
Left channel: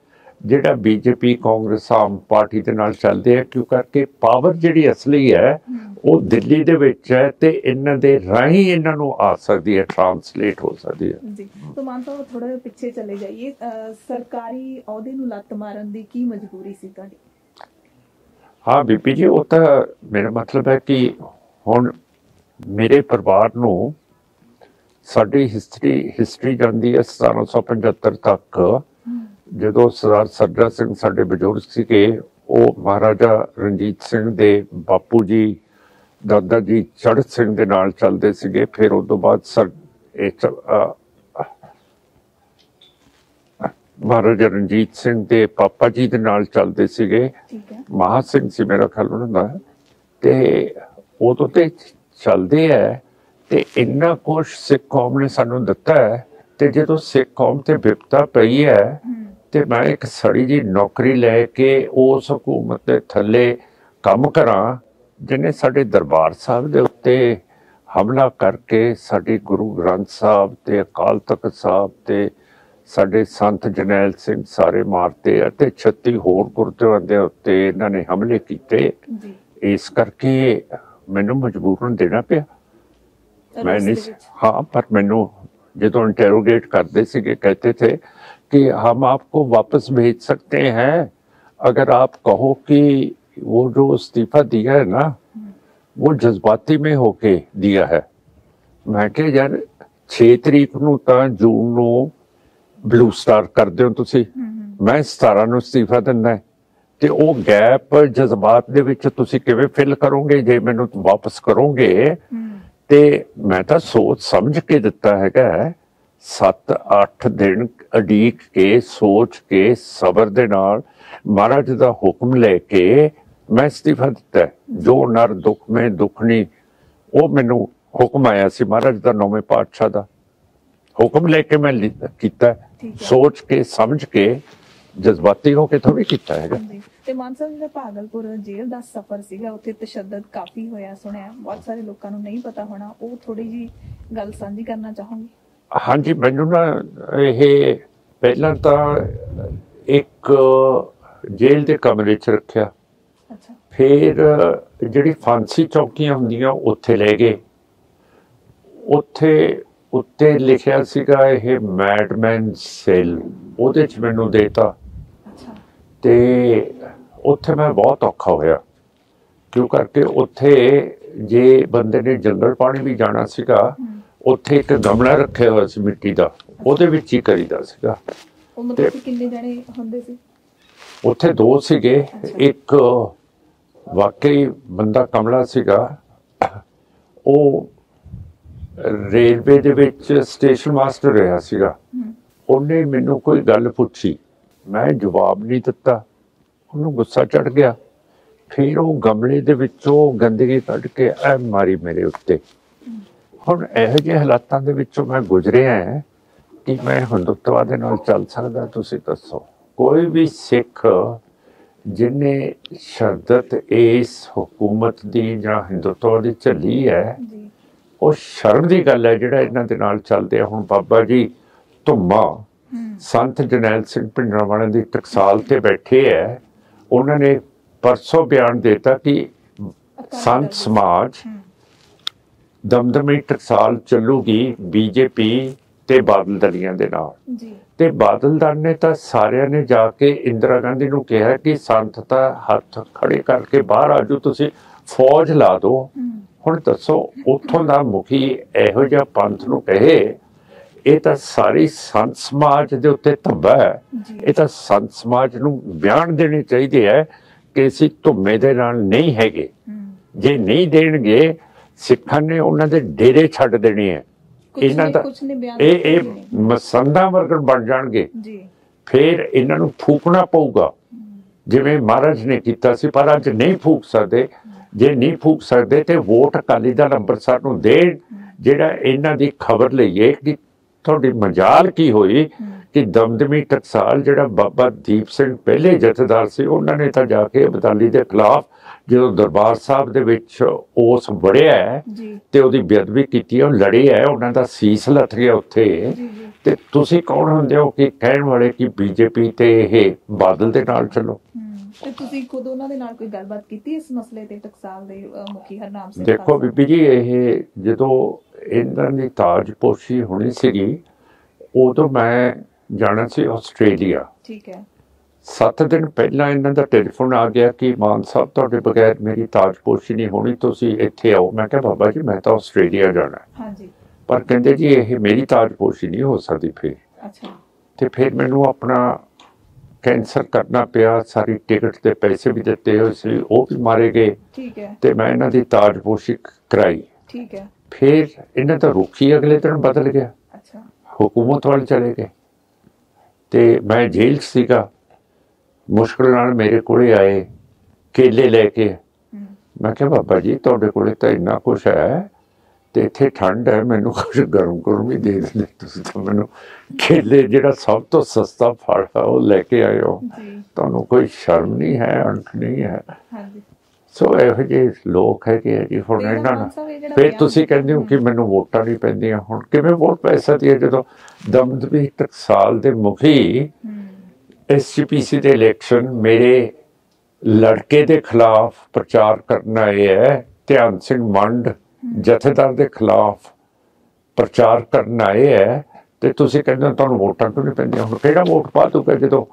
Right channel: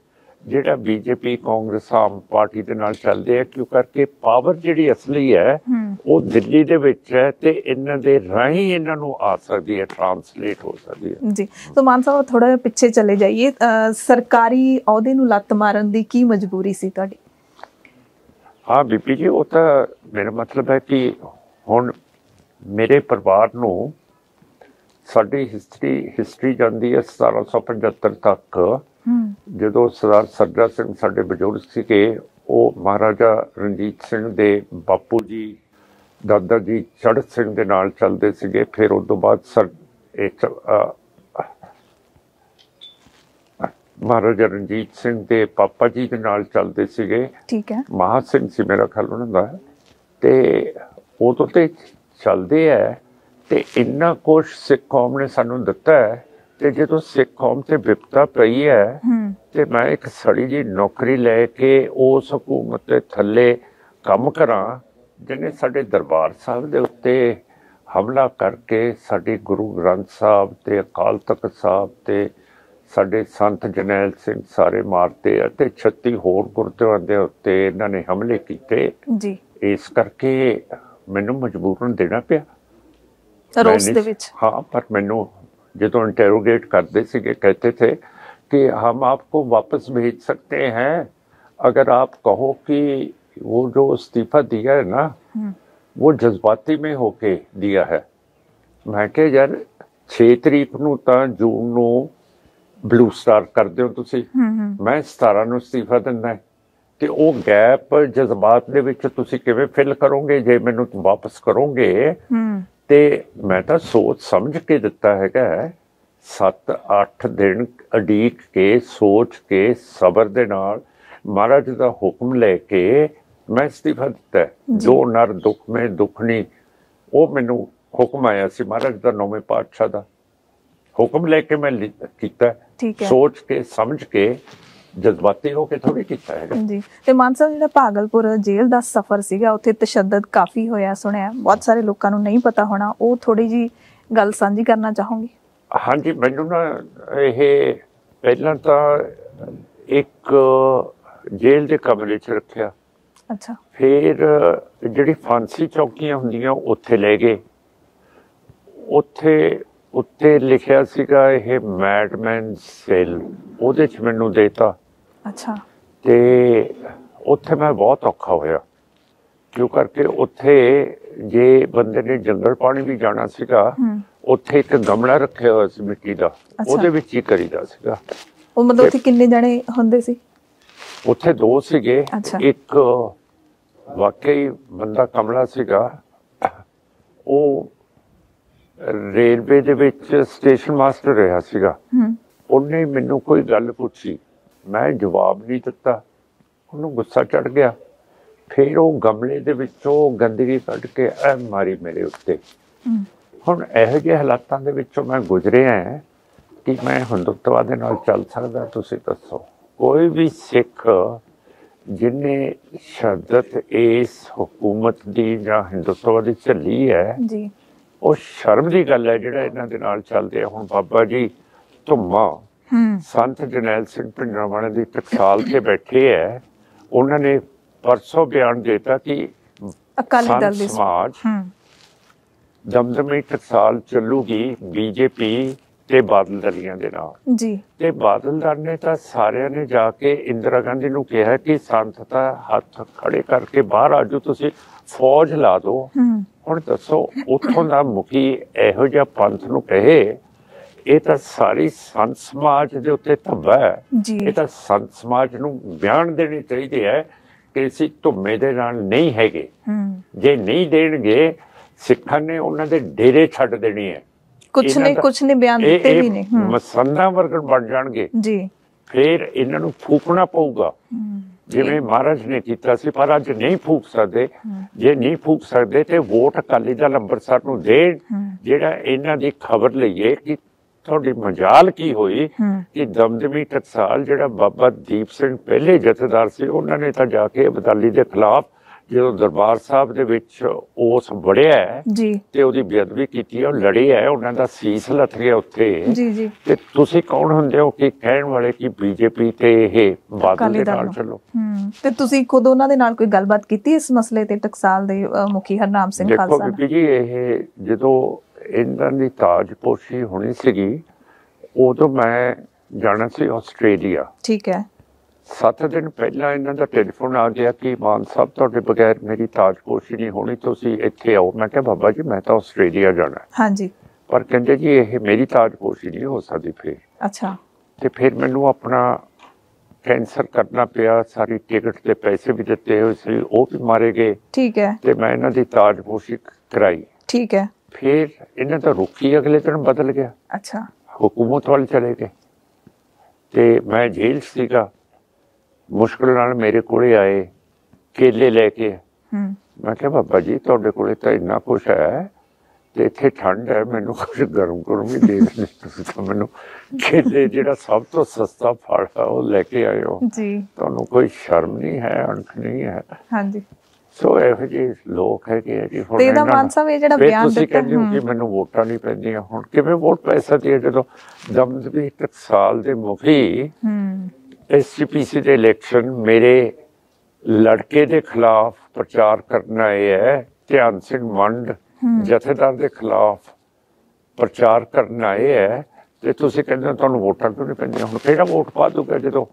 ਜਿਹੜਾ BJP ਕਾਂਗਰਸ ਆਮ ਪਾਰਟੀ ਦੇ ਨਾਲ ਚੱਲਦੇ ਆ, ਕਿਉਂ ਕਰਕੇ ਪਾਵਰ ਜਿਹੜੀ ਅਸਲੀ ਹੈ ਉਹ ਦਿੱਲੀ ਦੇ ਵਿੱਚ ਹੈ, ਤੇ ਇਹਨਾਂ ਦੇ ਰਾਹੀਂ ਇਹਨਾਂ ਨੂੰ ਆ ਸਕਦੀ ਹੈ, ਟ੍ਰਾਂਸਲੇਟ ਹੋ ਸਕਦੀ ਹੈ ਜੀ। ਤਾਂ ਮਾਨ ਸਾਹਿਬ ਥੋੜਾ ਜਿਹਾ ਪਿੱਛੇ ਚਲੇ ਜਾਈਏ, ਸਰਕਾਰੀ ਅਹੁਦੇ ਨੂੰ ਲੱਤ ਮਾਰਨ ਦੀ ਕੀ ਮਜਬੂਰੀ ਸੀ ਤੁਹਾਡੀ? ਹਾਂ ਬੀਪੀ ਜੀ, ਉਹ ਤਾਂ ਮੇਰਾ ਮਤਲਬ ਹੈ ਕਿ ਹੁਣ ਮੇਰੇ ਪਰਿਵਾਰ ਨੂੰ ਸਾਡੀ ਹਿਸਟਰੀ ਜਾਂਦੀ ਹੈ 1775 ਤੱਕ, ਜਦੋਂ ਸਰਦਾਰ ਸੱਜਾ ਸਿੰਘ ਸਾਡੇ ਬਜ਼ੁਰਗ ਸੀਗੇ, ਉਹ ਮਹਾਰਾਜਾ ਰਣਜੀਤ ਸਿੰਘ ਦੇ ਬਾਪੂ ਜੀ ਦਾਦਾ ਜੀ ਚੜ੍ਹਤ ਸਿੰਘ ਦੇ ਨਾਲ ਚੱਲਦੇ ਸੀਗੇ। ਫਿਰ ਉਸ ਤੋਂ ਬਾਅਦ ਮਹਾਰਾਜਾ ਰਣਜੀਤ ਸਿੰਘ ਦੇ ਪਾਪਾ ਜੀ ਦੇ ਨਾਲ ਚੱਲਦੇ ਸੀਗੇ, ਠੀਕ ਹੈ, ਮਹਾ ਸਿੰਘ ਸੀ ਮੇਰਾ ਖਿਆਲ ਉਹਨਾਂ ਦਾ, ਤੇ ਉਦੋਂ ਤੇ ਚੱਲਦੇ ਹੈ। ਤੇ ਇੰਨਾ ਕੁਛ ਸਿੱਖ ਕੌਮ ਨੇ ਸਾਨੂੰ ਦਿੱਤਾ ਹੈ, ਤੇ ਜਦੋਂ ਸਿੱਖ ਕੌਮ ਤੇ ਵਿਪਤਾ ਪਈ ਹੈ, ਤੇ ਮੈਂ ਇੱਕ ਸੜੀ ਜੀ ਨੌਕਰੀ ਲੈ ਕੇ ਉਸ ਹਕੂਮਤ ਦੇ ਥੱਲੇ ਕੰਮ ਕਰਾਂ, ਜਿਹਨੇ ਸਾਡੇ ਦਰਬਾਰ ਸਾਹਿਬ ਦੇ ਉੱਤੇ ਹਮਲਾ ਕਰਕੇ ਸਾਡੇ ਗੁਰੂ ਗ੍ਰੰਥ ਸਾਹਿਬ ਤੇ ਅਕਾਲ ਤਖਤ ਸਾਹਿਬ ਤੇ ਸਾਡੇ ਸੰਤ ਜਰਨੈਲ ਸਿੰਘ ਸਾਰੇ ਮਾਰਤੇ, ਅਤੇ 36 ਹੋਰ ਗੁਰਦੁਆਰਿਆਂ ਦੇ ਉੱਤੇ ਇਹਨਾਂ ਨੇ ਹਮਲੇ ਕੀਤੇ ਜੀ। ਇਸ ਕਰਕੇ ਮੈਨੂੰ ਮਜਬੂਰਨ ਦੇਣਾ ਪਿਆ। हाँ, पर मैनू जो इंटेरोगेट करते थे, कहते थे कि हम आपको वापस भेज सकते हैं अगर आप कहो कि वो जो इस्तीफा दिया है ना, वो जज्बाती में होके दिया है। मैं क्या यार 6 तरीक नूं तां जून नूं ब्लू स्टार कर दिओ तुसीं, मैं 17 नूं इस्तीफा दिंदा, ਤੇ ਉਹ ਗੈਪ ਜਜ਼ਬਾਤ ਦੇ ਵਿੱਚ ਤੁਸੀਂ ਕਿਵੇਂ ਫਿਲ ਕਰੋਗੇ ਜੇ ਮੈਨੂੰ ਵਾਪਸ ਕਰੋਗੇ? ਤੇ ਮੈਂ ਤਾਂ ਸੋਚ ਸਮਝ ਕੇ ਦਿੱਤਾ ਹੈਗਾ, 7-8 ਦਿਨ ਅਡੀਕ ਕੇ ਸੋਚ ਕੇ ਸਬਰ ਦੇ ਨਾਲ ਮਹਾਰਾਜ ਦਾ ਹੁਕਮ ਲੈ ਕੇ ਮੈਂ ਅਸਤੀਫਾ ਦਿੱਤਾ। ਜੋ ਨਰ ਦੁੱਖ ਮੈਂ ਦੁੱਖਣੀ, ਉਹ ਮੈਨੂੰ ਹੁਕਮ ਆਇਆ ਸੀ ਮਹਾਰਾਜ ਦਾ 9ਵੇਂ ਪਾਤਸ਼ਾਹ ਦਾ ਹੁਕਮ ਲੈ ਕੇ ਮੈਂ ਕੀਤਾ, ਸੋਚ ਕੇ ਸਮਝ ਕੇ, ਜਜ਼ਬਾਤੀ ਹੋ ਕੇ ਥੋੜੀ ਕੀਤਾ ਹੈ ਜੀ। ਤੇ ਮਾਨ ਸਾਹਿਬ, ਜਿਹੜਾ ਭਾਗਲਪੁਰ ਜੇਲ੍ਹ ਦਾ ਸਫ਼ਰ ਸੀਗਾ, ਉੱਥੇ ਤਸ਼ੱਦਦ ਕਾਫੀ ਹੋਇਆ ਸੁਣਿਆ, ਬਹੁਤ ਸਾਰੇ ਲੋਕਾਂ ਨੂੰ ਨਹੀਂ ਪਤਾ ਹੋਣਾ, ਉਹ ਥੋੜੀ ਜੀ ਗੱਲ ਸਾਂਝੀ ਕਰਨਾ ਚਾਹੋਗੇ? ਹਾਂਜੀ, ਮੈਨੂੰ ਨਾ ਇਹ ਪਹਿਲਾਂ ਤਾਂ ਇੱਕ ਜੇਲ੍ਹ ਦੇ ਕਮਰੇ 'ਚ ਰੱਖਿਆ, ਅੱਛਾ, ਫਿਰ ਜਿਹੜੀ ਫਾਂਸੀ ਚੌਕੀਆਂ ਹੁੰਦੀਆਂ ਉੱਥੇ ਲੈ ਗਏ, ਉੱਥੇ ਉੱਤੇ ਲਿਖਿਆ ਸੀਗਾ ਇਹ ਮੈਡਮੈਨ ਸੇਲ, ਉਹਦੇ 'ਚ ਮੈਨੂੰ ਦੇਤਾ। ਅੱਛਾ। ਤੇ ਉੱਥੇ ਮੈਂ ਬਹੁਤ ਔਖਾ ਹੋਇਆ, ਕਿਉਂ ਕਰਕੇ ਉੱਥੇ ਜੇ ਬੰਦੇ ਨੇ ਜੰਗਲ ਪਾਣੀ ਵੀ ਜਾਣਾ ਸੀਗਾ, ਉੱਥੇ ਇੱਕ ਗਮਲਾ ਰੱਖਿਆ ਹੋਇਆ ਸੀ ਮਿੱਟੀ ਦਾ, ਉਹਦੇ ਵਿੱਚ ਹੀ ਕਰੀਦਾ ਸੀਗਾ। ਉਹ ਮਤਲਬ ਉੱਥੇ ਕਿੰਨੇ ਜਣੇ ਹੁੰਦੇ ਸੀ? ਉੱਥੇ 2 ਸੀਗੇ। ਇੱਕ ਵਾਕਈ ਬੰਦਾ ਕਮਲਾ ਸੀਗਾ, ਉਹ ਰੇਲਵੇ ਦੇ ਵਿੱਚ ਸਟੇਸ਼ਨ ਮਾਸਟਰ ਰਿਹਾ ਸੀਗਾ। ਉਹਨੇ ਮੈਨੂੰ ਕੋਈ ਗੱਲ ਪੁੱਛੀ, ਮੈਂ ਜਵਾਬ ਨਹੀਂ ਦਿੱਤਾ, ਉਹਨੂੰ ਗੁੱਸਾ ਚੜ ਗਿਆ। ਫਿਰ ਉਹ ਗਮਲੇ ਦੇ ਵਿੱਚੋਂ ਗੰਦਗੀ ਕੱਢ ਕੇ ਐ ਮਾਰੀ ਮੇਰੇ ਉੱਤੇ। ਹੁਣ ਇਹੋ ਜਿਹੇ ਹਾਲਾਤਾਂ ਦੇ ਵਿੱਚੋਂ ਮੈਂ ਗੁਜ਼ਰਿਆ ਕਿ ਮੈਂ ਹਿੰਦੁੱਤਵਾ ਦੇ ਨਾਲ ਚੱਲ ਸਕਦਾ? ਤੁਸੀਂ ਦੱਸੋ। ਕੋਈ ਵੀ ਸਿੱਖ ਜਿਹਨੇ ਸ਼ਹਾਦਤ ਇਸ ਹਕੂਮਤ ਦੀ ਜਾਂ ਹਿੰਦੁੱਤਵਾ ਦੀ ਝੱਲੀ ਹੈ, ਉਹ ਸ਼ਰਮ ਦੀ ਗੱਲ ਹੈ ਜਿਹੜਾ ਇਹਨਾਂ ਦੇ ਨਾਲ ਚੱਲਦੇ ਆ। ਹੁਣ ਬਾਬਾ ਜੀ ਧੁੰਮਾ, ਸੰਤ ਜਰਨੈਲ ਸਿੰਘ ਭਿੰਡਰਾਂਵਾਲੇ ਦੀ ਟਕਸਾਲ ਤੇ ਬੈਠੇ ਹੈ, ਉਹਨਾਂ ਨੇ ਪਰਸੋਂ ਬਿਆਨ ਦੇਤਾ ਕਿ ਸੰਤ ਸਮਾਜ ਦਮਦਮੀ ਟਕਸਾਲ ਚੱਲੂਗੀ ਬੀਜੇਪੀ ਤੇ ਬਾਦਲ ਦਲੀਆਂ ਦੇ ਨਾਲ ਜੀ। ਤੇ ਬਾਦਲਦਾਰ ਨੇ ਤਾਂ ਸਾਰਿਆਂ ਨੇ ਜਾ ਕੇ ਇੰਦਰਾ ਗਾਂਧੀ ਨੂੰ ਕਿਹਾ ਕਿ ਸੰਤ ਦਾ ਹੱਥ ਖੜੇ ਕਰਕੇ ਬਾਹਰ ਆਜੋ, ਤੁਸੀਂ ਫੌਜ ਲਾ ਦਿਓ। ਹੁਣ ਦੱਸੋ, ਉੱਥੋਂ ਦਾ ਮੁਖੀ ਇਹੋ ਜਿਹਾ ਪੰਥ ਨੂੰ ਕਹੇ, ਇਹ ਤਾਂ ਸਾਰੀ ਸੰਤ ਸਮਾਜ ਦੇ ਉੱਤੇ ਧੱਬਾ ਹੈ। ਇਹ ਤਾਂ ਸੰਤ ਸਮਾਜ ਨੂੰ ਬਿਆਨ ਦੇਣੇ ਚਾਹੀਦੇ ਹੈ ਕਿ ਅਸੀਂ ਧੁੰਮੇ ਦੇ ਨਾਲ ਨਹੀਂ ਹੈਗੇ। ਜੇ ਨਹੀਂ ਦੇਣਗੇ, ਸਿੱਖਾਂ ਨੇ ਉਹਨਾਂ ਦੇ ਡੇਰੇ ਛੱਡ ਦੇਣੇ ਹੈ। ਕੁਛ ਨਹੀਂ ਬਿਆਨ ਦਿੱਤੇ ਹੀ ਨੇ, ਮਸੰਦਾਂ ਵਰਗਣ ਬਣ ਜਾਣਗੇ ਜੀ। ਫਿਰ ਇਹਨਾਂ ਨੂੰ ਫੂਕਣਾ ਪਊਗਾ, ਜਿਵੇਂ ਮਹਾਰਾਜ ਨੇ ਕੀਤਾ ਸੀ। ਪਰ ਅੱਜ ਨਹੀਂ ਫੂਕ ਸਕਦੇ। ਜੇ ਨਹੀਂ ਫੂਕ ਸਕਦੇ ਤੇ ਵੋਟ ਅਕਾਲੀ ਦਲ ਅੰਮ੍ਰਿਤਸਰ ਨੂੰ ਦੇਣ, ਜਿਹੜਾ ਇਹਨਾਂ ਦੀ ਖਬਰ ਲਈਏ ਕਿ ਤੁਹਾਡੀ ਮਜਾਲ ਕੀ ਹੋਈ ਕਿ ਦਮਦਮੀ ਟਕਸਾਲ ਜਿਹੜਾ ਬਾਬਾ ਦੀਪ ਸਿੰਘ ਪਹਿਲੇ ਜਥੇਦਾਰ ਸੀ, ਉਹਨਾਂ ਨੇ ਤਾਂ ਜਾ ਕੇ ਅਬਦਾਲੀ ਦੇ ਖਿਲਾਫ ਜਦੋਂ ਦਰਬਾਰ ਸਾਹਿਬ ਦੇ ਵਿੱਚ ਉਸ ਵੜਿਆ ਤੇ ਉਹਦੀ ਬੇਅਦਬੀ ਕੀਤੀ, ਉਹ ਲੜੇ ਹੈ, ਉਹਨਾਂ ਦਾ ਸੀਸ ਲੱਥ ਗਿਆ ਉੱਥੇ। ਤੇ ਤੁਸੀਂ ਕੌਣ ਹੁੰਦੇ ਹੋ ਕਿ ਕਹਿਣ ਵਾਲੇ ਕਿ ਬੀਜੇਪੀ ਤੇ ਇਹ ਬਾਦਲ ਦੇ ਨਾਲ ਚਲੋ? ਤੇ ਤੁਸੀਂ ਖੁਦ ਉਹਨਾਂ ਦੇ ਨਾਲ ਕੋਈ ਗੱਲਬਾਤ ਕੀਤੀ ਇਸ ਮਸਲੇ ਤੇ? ਟਕਸਾਲ ਦੇ ਮੁਖੀ ਹਰਨਾਮ ਸਿੰਘ ਖਾਲਸਾ। ਦੇਖੋ ਬੀਬੀ ਜੀ, ਇਹ ਜਦੋਂ ਇਹਨਾਂ ਦੀ ਤਾਜਪੋਸ਼ੀ ਹੋਣੀ ਸੀਗੀ, ਉਦੋਂ ਮੈਂ ਜਾਣਾ ਸੀ ਆਸਟ੍ਰੇਲੀਆ। ਠੀਕ ਹੈ। 7 ਦਿਨ ਪਹਿਲਾਂ ਇਹਨਾਂ ਦਾ ਟੈਲੀਫੋਨ ਆ ਗਿਆ ਕਿ ਮਾਨ ਸਾਹਿਬ, ਤੁਹਾਡੇ ਬਗੈਰ ਮੇਰੀ ਤਾਜਪੋਸ਼ੀ ਨਹੀਂ ਹੋਣੀ, ਤੁਸੀਂ ਇੱਥੇ ਆਓ। ਮੈਂ ਕਿਹਾ ਬਾਬਾ ਜੀ, ਮੈਂ ਤਾਂ ਆਸਟ੍ਰੇਲੀਆ ਜਾਣਾ। ਹਾਂਜੀ। ਪਰ ਕਹਿੰਦੇ ਜੀ ਇਹ ਮੇਰੀ ਤਾਜਪੋਸ਼ੀ ਨਹੀਂ ਹੋ ਸਕਦੀ। ਫਿਰ ਅੱਛਾ। ਤੇ ਫਿਰ ਮੈਨੂੰ ਆਪਣਾ ਕੈਂਸਲ ਕਰਨਾ ਪਿਆ। ਸਾਰੀ ਟਿਕਟ ਦੇ ਪੈਸੇ ਵੀ ਦਿੱਤੇ ਹੋਏ ਸੀ, ਉਹ ਵੀ ਮਾਰੇ ਗਏ। ਠੀਕ ਹੈ। ਤੇ ਮੈਂ ਇਹਨਾਂ ਦੀ ਤਾਜਪੋਸ਼ੀ ਕਰਾਈ। ਠੀਕ ਹੈ। ਫਿਰ ਇਹਨਾਂ ਦਾ ਰੁਖ ਹੀ ਅਗਲੇ ਦਿਨ ਬਦਲ ਗਿਆ। ਅੱਛਾ। ਹੁਕੂਮਤ ਵੱਲ ਚਲੇ ਗਏ ਤੇ ਮੈਂ ਜੇਲ੍ਹ ਸੀਗਾ। ਮੁਸ਼ਕਿਲ ਨਾਲ ਮੇਰੇ ਕੋਲੇ ਆਏ ਕੇਲੇ ਲੈ ਕੇ। ਮੈਂ ਕਿਹਾ ਬਾਬਾ ਜੀ, ਤੁਹਾਡੇ ਕੋਲੇ ਤਾਂ ਇੰਨਾ ਕੁਛ ਹੈ ਤੇ ਇੱਥੇ ਠੰਡ ਹੈ, ਮੈਨੂੰ ਕੁਛ ਗਰਮ ਗਰਮ ਹੀ ਦੇ ਦਿੰਦੇ ਤੁਸੀਂ ਤਾਂ ਮੈਨੂੰ। ਕੇਲੇ ਜਿਹੜਾ ਸਭ ਤੋਂ ਸਸਤਾ ਫਲ ਹੈ ਉਹ ਲੈ ਕੇ ਆਏ ਹੋ। ਤੁਹਾਨੂੰ ਕੋਈ ਸ਼ਰਮ ਨਹੀਂ ਹੈ, ਅਣਖ ਨਹੀਂ ਹੈ? ਹਾਂਜੀ। ਸੋ ਇਹੋ ਜਿਹੇ ਲੋਕ ਹੈਗੇ ਆ ਜੀ। ਹੁਣ ਫਿਰ ਤੁਸੀਂ ਕਹਿੰਦੇ ਹੋ ਕਿ ਮੈਨੂੰ ਵੋਟਾਂ ਨਹੀਂ ਪੈਂਦੀਆਂ। ਹੁਣ ਕਿਵੇਂ ਵੋਟ ਪੈ ਸਕਦੀ ਹੈ ਜਦੋਂ ਦਮਦਮੀ ਟਕਸਾਲ ਦੇ ਮੁਖੀ SGPC ਦੇ ਇਲੈਕਸ਼ਨ ਮੇਰੇ ਲੜਕੇ ਦੇ ਖਿਲਾਫ ਪ੍ਰਚਾਰ ਕਰਨ ਆਏ ਹੈ, ਧਿਆਨ ਸਿੰਘ ਮੰਡ ਜਥੇਦਾਰ ਦੇ ਖਿਲਾਫ ਪ੍ਰਚਾਰ ਕਰਨ ਆਏ ਹੈ, ਤੇ ਤੁਸੀਂ ਕਹਿੰਦੇ ਤੁਹਾਨੂੰ ਵੋਟਾਂ ਕਿਉਂ ਨਹੀਂ ਪੈਂਦੀਆਂ? ਹੁਣ ਕਿਹੜਾ ਵੋਟ ਪਾ ਦੂਗਾ ਜਦੋਂ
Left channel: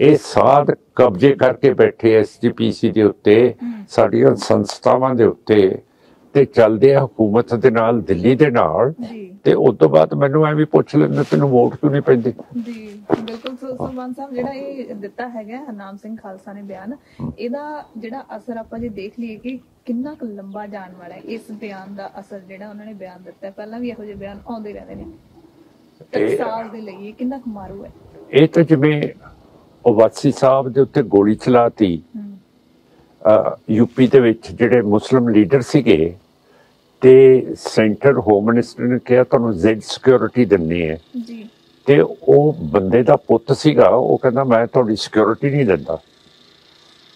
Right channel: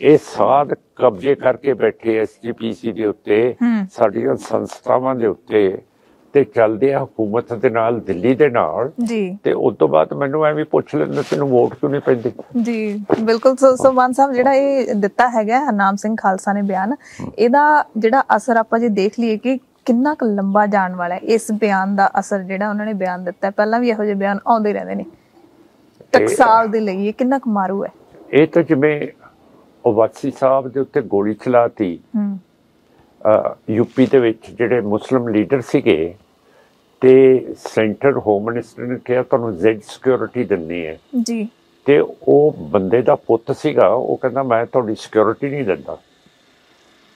ਇਹ ਸਾਧ ਕਬਜ਼ੇ ਕਰਕੇ ਬੈਠੇ SGPC ਦੇ ਉੱਤੇ, ਸਾਡੀਆਂ ਸੰਸਥਾਵਾਂ ਦੇ ਉੱਤੇ, ਤੇ ਚੱਲਦੇ ਆ ਹਕੂਮਤ ਦੇ ਨਾਲ, ਦਿੱਲੀ ਦੇ ਨਾਲ। ਤੇ ਉਸ ਤੋਂ ਬਾਅਦ ਮੈਨੂੰ ਐਵੇਂ ਪੁੱਛ ਲੈਂਦੇ ਤੈਨੂੰ ਵੋਟ ਕਿਉਂ ਨਹੀਂ ਪੈਂਦੀ? ਜੀ ਬਿਲਕੁਲ। ਸੋ ਮਾਨ ਸਾਹਿਬ, ਜਿਹੜਾ ਇਹ ਦਿੱਤਾ ਹੈਗਾ ਹਰਨਾਮ ਸਿੰਘ ਖਾਲਸਾ ਨੇ ਬਿਆਨ, ਇਹਦਾ ਜਿਹੜਾ ਅਸਰ ਆਪਾਂ ਜੇ ਦੇਖ ਲਈਏ ਕਿ ਕਿੰਨਾ ਕੁ ਲੰਬਾ ਜਾਣ ਵਾਲਾ ਹੈ ਇਸ ਬਿਆਨ ਦਾ ਅਸਰ, ਜਿਹੜਾ ਉਹਨਾਂ ਨੇ ਬਿਆਨ ਦਿੱਤਾ। ਪਹਿਲਾਂ ਵੀ ਇਹੋ ਜਿਹੇ ਬਿਆਨ ਆਉਂਦੇ ਰਹਿੰਦੇ ਨੇ। ਟਕਸਾਲ ਦੇ ਲਈ ਇਹ ਕਿੰਨਾ ਕੁ ਮਾਰੂ ਹੈ? ਇਹ ਤਾਂ ਜਿਵੇਂ ਵਾਸੀ ਸਾਹਿਬ ਦੇ ਉੱਤੇ ਗੋਲੀ ਚਲਾਤੀ ਯੂਪੀ ਦੇ ਵਿੱਚ, ਜਿਹੜੇ ਮੁਸਲਿਮ ਲੀਡਰ ਸੀਗੇ, ਤੇ ਸੈਂਟਰ ਹੋਮ ਮਿਨਿਸਟਰ ਨੇ ਕਿਹਾ ਤੁਹਾਨੂੰ ਜ਼ੈਡ ਸਿਕਿਉਰਿਟੀ ਦਿੰਨੀ ਹੈ ਜੀ। ਤੇ ਉਹ ਬੰਦੇ ਦਾ ਪੁੱਤ ਸੀਗਾ, ਉਹ ਕਹਿੰਦਾ ਮੈਂ ਤੁਹਾਡੀ ਸਿਕਿਉਰਿਟੀ ਨਹੀਂ ਦਿੰਦਾ।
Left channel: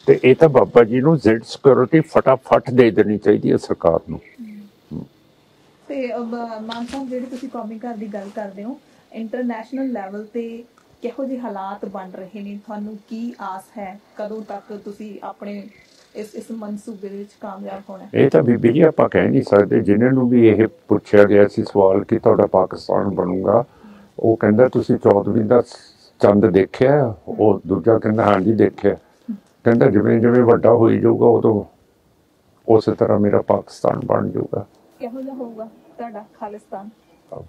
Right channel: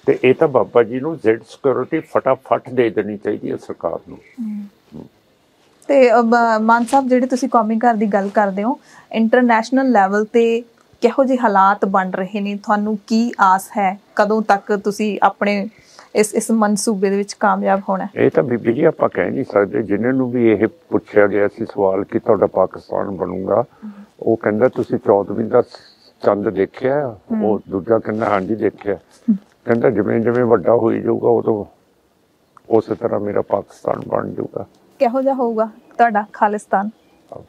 ਤੇ ਇਹ ਤਾਂ ਬਾਬਾ ਜੀ ਨੂੰ ਜ਼ੈਡ ਸਿਕਿਉਰਿਟੀ ਫਟਾਫਟ ਦੇ ਦੇਣੀ ਚਾਹੀਦੀ ਹੈ ਸਰਕਾਰ ਨੂੰ। ਤੇ ਮਾਨ ਸਾਹਿਬ, ਜਿਹੜੇ ਤੁਸੀਂ ਕੌਮੀ ਘਰ ਦੀ ਗੱਲ ਕਰਦੇ ਹੋ, ਇੰਟਰਨੈਸ਼ਨਲ ਲੈਵਲ ਤੇ ਕਿਹੋ ਜਿਹੇ ਹਾਲਾਤ ਬਣ ਰਹੇ ਨੇ? ਤੁਹਾਨੂੰ ਕੀ ਆਸ ਹੈ? ਕਦੋਂ ਤੱਕ ਤੁਸੀਂ ਆਪਣੇ ਇਸ ਮਨਸੂਬੇ ਦੇ ਵਿੱਚ ਕਾਮਯਾਬ ਹੋਣਾ? ਇਹ ਤਾਂ ਬੀਬੀ ਜੀ ਆਪਾਂ ਕਹਿ ਨਹੀਂ ਸਕਦੇ। ਜਿਨ੍ਹਾਂ ਨੂੰ ਵੀ ਇਹ ਪੁੱਛਿਆ ਗਿਆ ਸੀ ਸਵਾਲ ਕਿ ਤੁਹਾਡਾ ਪਾਕਿਸਤਾਨ ਬਣੂਗਾ, ਉਹ ਕਹਿੰਦਾ ਤੁਸੀਂ 14ਵੀਂ ਦਾ ਚੰਦ ਦੇਖਿਆ? ਉਹ ਦੂਜਾ ਕਹਿੰਦਾ ਹਾਂਜੀ ਦੇਖਿਆ। ਕਹਿੰਦਾ ਜਿਵੇਂ ਜਿਵੇਂ ਵੱਡਾ ਹੋਈ ਜਾਊਗਾ ਉਦੋਂ ਉਸੇ ਤਰ੍ਹਾਂ ਮੇਰਾ ਪਾਕਿਸਤਾਨ ਬਣ ਜਾਊਗਾ। ਕਿਹੋ ਜਿਹਾ ਹੋਊਗਾ ਤੁਹਾਡਾ ਖਾਲਿਸਤਾਨ?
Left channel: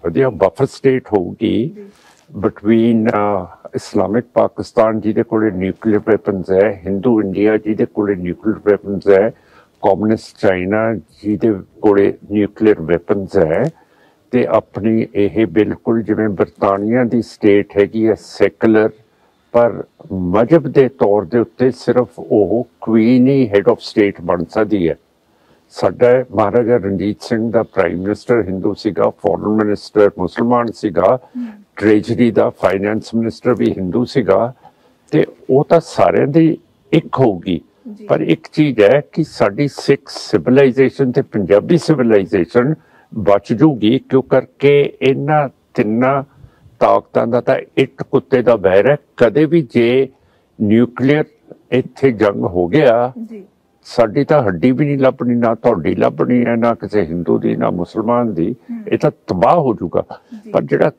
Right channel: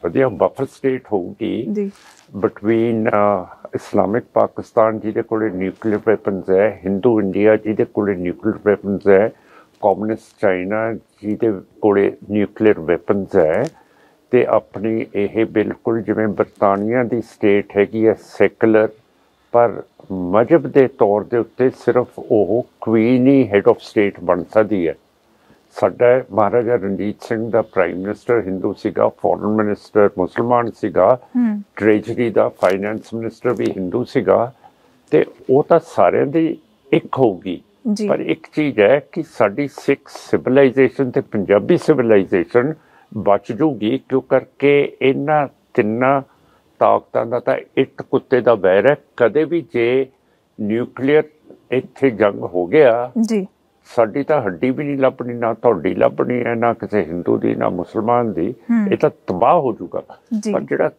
ਵਧੀਆ ਬਫਰ ਸਟੇਟ ਹੋਊਗੀ ਬਿਟਵੀਨ ਇਸਲਾਮਿਕ ਪਾਕਿਸਤਾਨ ਜਿਹਦੇ ਕੋਲੇ ਨਿਊਕਲੀਅਰ ਵੈਪਨਸ ਹੈ, ਹਿੰਦੂ ਇੰਡੀਆ ਜਿਹਦੇ ਕੋਲੇ ਨਿਊਕਲੀਅਰ ਵੈਪਨਸ ਹੈ, ਕਮਿਊਨਿਸਟ ਚਾਈਨਾ ਜਿਹਦੇ ਕੋਲੇ ਨਿਊਕਲੀਅਰ ਵੈਪਨਸ ਹੈ, ਤੇ ਆਪਣੀ ਇਹ ਬਿਲਕੁਲ ਜਿਵੇਂ ਬਰਤਾਨੀਆ ਦੀ ਸਟੇਟ ਹੈਗੀ ਹੈ ਸੈਕੂਲਰ, ਪਰ ਮਜ਼ਹਬ ਦੇ ਤੌਰ ਦੇ ਉੱਤੇ ਸਿਰਫ ਉਹ Queen he had of state ਬਣ ਸਕਦੀ ਹੈ। ਸਾਡਾ ਮਹਾਰਾਜਾ ਰਣਜੀਤ ਸਿੰਘ ਦਾ ਪ੍ਰਾਈਮ ਮਿਨਿਸਟਰ ਹਿੰਦੂ ਸੀਗਾ, ਫੋਰਨ ਮਿਨਿਸਟਰ ਮੁਸਲਮਾਨ ਸੀਗਾ, ਟ੍ਰੇਜਰੀ ਦਾ ਫਾਈਨੈਂਸ ਮਿਨਿਸਟਰ ਵੀ ਹਿੰਦੂ ਸੀਗਾ, ਤੇ ਉਹ ਤਾਂ ਸਾਰਿਆਂ ਦੀ ਇੱਕ ਹੋਊਗੀ। ਪਰ ਇੱਕ ਚੀਜ਼ ਹੈ ਕਿ ਸਾਡੀ ਸਿੱਖ ਸਿਵਲਾਈਜੇਸ਼ਨ ਤੇ ਪੰਜਾਬੀ ਸਿਵਲਾਈਜੇਸ਼ਨ ਬਚ ਜੂਗੀ, ਕਿਉਂ ਕਰਕੇ ਇਹਨਾਂ ਤਿੰਨਾਂ ਤਾਕਤਾਂ ਦਾ ਤਾਂ ਇੱਕ ਕੁੱਤੇ ਦਾ ਵੈਰ ਹੈ। ਕਦੇ ਵੀ ਜੇ ਨਿਊਕਲੀਅਰ ਇੱਥੇ ਜੰਗ ਹੋ ਗਿਆ, ਸਾਡੀ ਤਾਂ ਹੱਡੀ ਵੀ ਨਹੀਂ ਲੱਭਣੀ, ਨਾ ਤੁਹਾਡੀ ਲੱਭਣੀ ਹੈ, ਨਾ ਕਿਸੇ ਹਿੰਦੂ ਦੀ, ਨਾ ਮੁਸਲਮਾਨ ਦੀ। ਇਹ ਤਾਂ ਤਬਾਹ ਹੋ ਜਾਊਗਾ। ਪਰ ਜਿਹੜਾ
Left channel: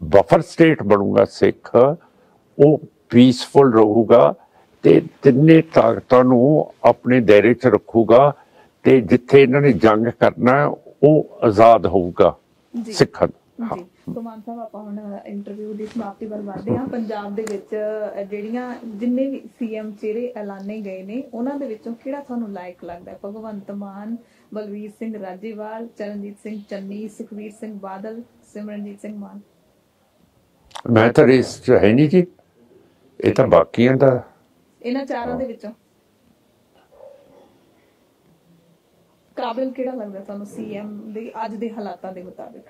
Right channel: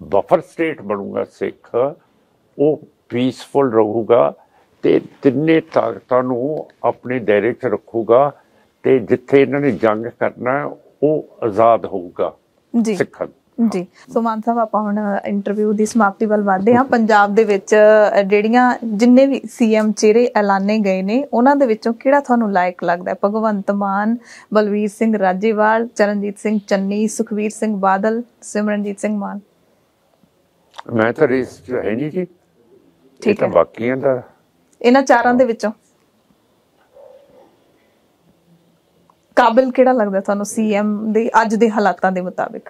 ਬਫਰ ਸਟੇਟ ਬਣੂਗਾ ਸਿੱਖ, ਉਹ ਪੀਸਫੁਲ ਰਹੂਗਾ ਤੇ ਤਿੰਨੇ ਤਾਕਤਾਂ ਨੂੰ ਆਪਣੇ ਦਾਇਰੇ 'ਚ ਰੱਖੂਗਾ, ਤੇ ਜਿੱਥੇ ਇਹਨਾਂ ਨੇ ਜੰਗ ਕਰਨਾ ਉਹ ਆਜ਼ਾਦ ਹੋਊਗਾ ਸਿੱਖਾਂ। ਜੀ ਸੋ ਮਾਨ ਸਾਹਿਬ, ਆਪਾਂ ਹੁਣ ਇੰਟਰਵਿਊ ਦੀ ਸਮਾਪਤੀ ਵੱਲ ਵਧਦੇ ਹਾਂ। ਪੰਜਾਬ ਦੇ ਵਿੱਚ ਜਿਹੜੀਆਂ ਜਿੰਨੇ ਵੀ ਸੀਐਮ ਚਿਹਰੇ ਐਲਾਨੇ ਗਏ ਨੇ, ਉਹਨਾਂ ਦੇ ਵਿੱਚੋਂ ਕਿਹੜਾ ਤੁਹਾਨੂੰ ਲਾਇਕ ਲੱਗਦਾ? ਭਗਵੰਤ ਮਾਨ, ਬਲਵੀਰ ਸਿੰਘ ਰਾਜੇਵਾਲ, ਚਰਨਜੀਤ ਸਿੰਘ ਚੰਨੀ, ਸੁਖਬੀਰ ਸਿੰਘ ਬਾਦਲ, ਸਿਮਰਨਜੀਤ ਸਿੰਘ ਮਾਨ? ਮੈਂ ਤਾਂ ਰੇਸ 'ਚ ਹੈ ਨਹੀਂ ਜੀ, ਇਹ ਤਾਂ ਬਾਕੀਆਂ ਦਾ। ਇਹਨਾਂ ਚਾਰਾਂ ਦੇ ਵਿੱਚੋਂ ਕਾਬਿਲ ਕਿਹੜਾ ਲੱਗਦਾ ਤੁਹਾਨੂੰ ਸੀਐਮ ਦੇ ਅੱਜ ਦੇ ਹਾਲਾਤਾਂ ਦੇ ਮੁਤਾਬਿਕ?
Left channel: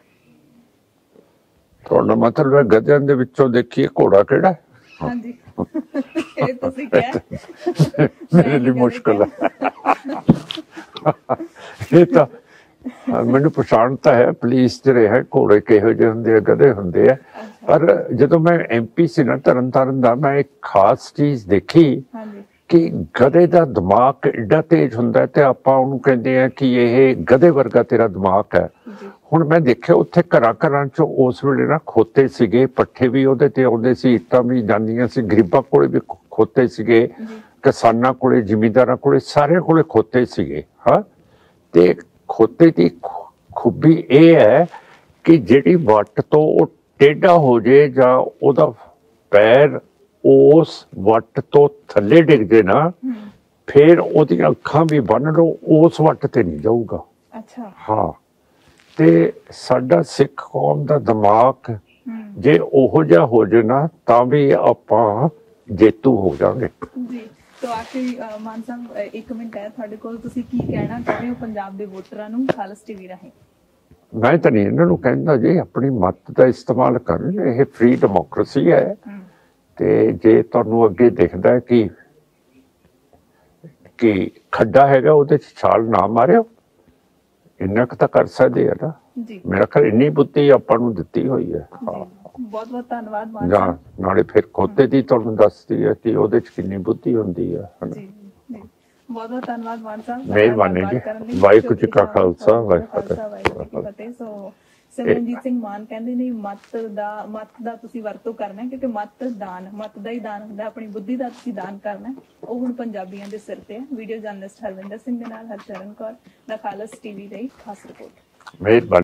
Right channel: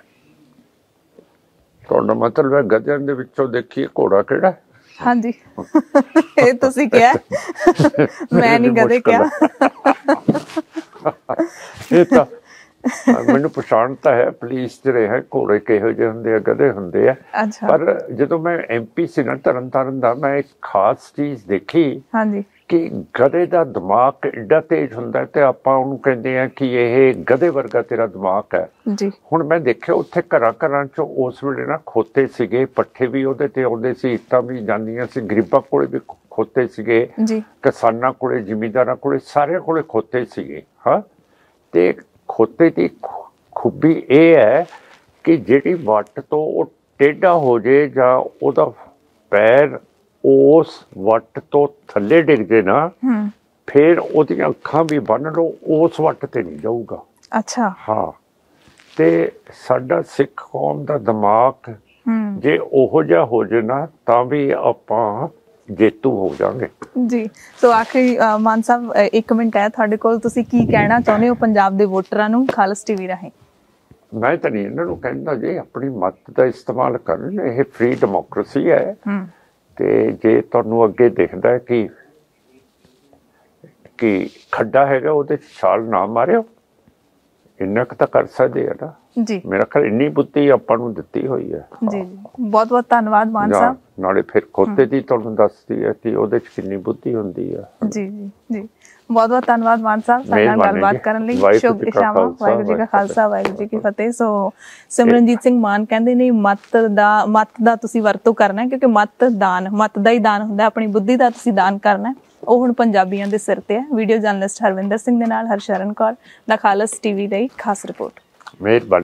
ਤੁਹਾਡਾ ਮਤਲਬ ਹੈ ਗੱਜਾਂ ਦੇ ਵਿੱਚੋਂ ਦੇਖੀਏ ਘੋੜਾ ਕਿਹੜਾ? ਹਾਂਜੀ, ਇਹ ਤੁਸੀਂ ਕਿਹਾ, ਮੈਂ ਨਹੀਂ ਕਦੇ ਕਿਹਾ। ਇਹ ਤਾਂ ਮੈਨੂੰ ਪਛਾਣ ਤਾਂ ਹੈ, ਪੁਲਿਸ 'ਚ ਰਿਹਾ ਘੋੜੇ ਕਿਹੋ ਜਿਹੇ ਹੁੰਦੇ ਆ, ਗਧੇ ਹੁੰਦੇ ਆ। ਪਰ ਜਦੋਂ ਮੈਂ MP ਸੀ ਨਾ ਤਰਨਤਾਰਨ ਦਾ, ਮੈਂ ਇੱਕ ਖਾਸ ਚੀਜ਼ ਦੇਖੀ ਕਿ ਗਧੇ ਦਾ ਦਿਮਾਗ ਏਡਾ ਤੇਜ਼ ਹੁੰਦਾ, ਤੇ ਆਪਾਂ ਉਹਨੂੰ ਕਹਿੰਦੇ ਆ ਕਿ ਇਹ ਗਧੇ ਵਰਗਾ ਤੇਰਾ ਦਿਮਾਗ ਹੈ। ਹੁਣ ਮੈਂ ਦੇਖਿਆ ਉੱਥੇ ਘਰਾਂ ਘਰਾਂ 'ਚ ਉਸ ਵੇਲੇ ਨਾ ਖੋਤੇ ਸੀਗੇ, ਪੱਠੇ ਵੀ ਉਹਦੇ ਤੇ ਆਉਂਦੇ ਸੀ, ਇੱਟਾਂ ਵੀ ਜਾਂਦੀਆਂ ਸੀ, ਗਰੀਬਾਂ ਕੋਲੇ ਵੀ ਖੋਤੇ ਸੀਗੇ, ਕਿਸਾਨਾਂ ਕੋਲੇ, ਜ਼ਿਮੀਂਦਾਰਾਂ ਕੋਲੇ, ਸਾਰਿਆਂ ਕੋਲੇ ਖੋਤੇ ਸੀਗੇ। ਹਾਂ, ਤੇ ਖੋਤੇ ਦੀ ਖੂਬੀ ਇਹ ਹੈ ਕਿ ਜਿਹੜੀ ਵੱਟ ਤੋਂ ਉਹ ਟੇਢਾ ਹੋ ਜੇ ਜਾਂ ਉਹਦਾ ਪੈਰ ਉਸ ਵੱਟ ਤੋਂ ਥੱਲੇ ਡਿੱਗ ਜੇ ਨਾ, ਫਿਰ ਉਹਦੀਆਂ ਅੱਖਾਂ ਵੀ ਬੰਨ ਲਓ, ਉਸ ਵੱਟ ਤੇ ਨਹੀਂ ਜਾਊਗਾ। ਅੱਛਾ, ਹਾਂ। ਤੇ ਸਾਡਾ ਸਿੱਖ ਕੌਮ ਦਾ ਦਿਮਾਗ ਜੇ ਉਹੋ ਜਿਹਾ ਹੋ ਜੇ ਨਾ, ਤਾਂ ਵੀ ਆਪਾਂ ਜੇਤੂ ਹੋ ਜਾਵਾਂਗੇ। ਜੀ, ਸੋ ਆਖਰੀ ਮਾਨ ਸਾਹਿਬ 1 ਮਿੰਟ ਹੈ ਤੁਹਾਡੇ ਕੋਲ, ਤੁਸੀਂ ਕੀ ਕਹਿਣਾ ਚਾਹੁੰਦੇ ਹੋ ਪੰਜਾਬ ਦੇ ਵੋਟਰਾਂ ਨੂੰ ਖਾਲਸ TV ਰਾਹੀਂ? ਮੈਂ ਤਾਂ ਨਹੀਂ ਇਹਨਾਂ ਨੂੰ ਕਹਿੰਦਾ ਜੀ ਆਪਣੀ ਮੱਤ ਦਾ ਇਸਤੇਮਾਲ ਕਰਨ, ਇਹ ਫ੍ਰੀ ਡੈਮੋਕ੍ਰੇਸੀ ਹੈ। ਤੇ ਜੇ ਤੁਹਾਨੂੰ ਅੱਗੇ ਦਿਖਦਾ ਕਿ ਖੱਡਾ ਹੈਗਾ, ਉਹਦੇ 'ਚ ਛਾਲ ਨਾ ਮਾਰਿਓ, ਇੰਨਾ ਕੁ ਤਾਂ ਕਰ ਸਕਦੇ ਆ ਨਾ। ਜੀ, ਮੇਰਾ ਖਿਆਲ ਇੰਨੀ ਬੁੱਧੀ ਆਪਾਂ ਨੂੰ ਦਿੱਤੀ ਹੋਈ ਹੈ। ਜੀ, ਬਹੁਤ ਬਹੁਤ ਧੰਨਵਾਦ ਮਾਨ ਸਾਹਿਬ। ਨਾਲੇ ਫਿਰ ਖੋਤੇ ਦੀ ਤੁਹਾਨੂੰ ਦੱਸਦੀ ਹੈ ਕਿ ਉਹਦੇ 'ਚ ਕਿੰਨੀ ਬੁੱਧੀ ਹੁੰਦੀ ਹੈ। ਜੀ ਜੀ, ਬਹੁਤ ਬਹੁਤ ਧੰਨਵਾਦ ਮਾਨ ਸਾਹਿਬ ਸਾਡੇ ਨਾਲ ਗੱਲਬਾਤ ਕਰਨ ਲਈ। ਵਾਹਿਗੁਰੂ ਜੀ ਕਾ ਖਾਲਸਾ, ਵਾਹਿਗੁਰੂ ਜੀ ਕੀ ਫਤਿਹ। ਸੋ ਸਿਮਰਨਜੀਤ ਸਿੰਘ ਮਾਨ ਕਹਿੰਦੇ ਨੇ ਮੱਤ ਦਾ ਤੁਸੀਂ ਵਰਤੋਂ ਕਰਨਾ, ਕਿਉਂਕਿ ਮੱਤ ਦਾ ਹੀ ਦਾਨ ਹੁੰਦਾ, ਆਪਣੀ ਬੁੱਧੀ ਦਾ ਤੁਸੀਂ ਦਾਨ ਕਰਨਾ। ਉਹ ਹੁਣ ਪੰਜਾਬੀਆਂ ਦੇ ਸਿਰ ਤੇ ਹੈ। ਵੀਡੀਓ ਜਰਨਲਿਸਟ ਹਰਵਿੰਦਰ ਸਿੰਘ ਦੇ ਨਾਲ ਹਰਸ਼ਰਨ ਕੌਰ ਦਾ ਖਾਲਸ TV ਲਈ ਖਾਸ ਰਿਪੋਰਟ। ਮਿਹਰਬਾਨੀ।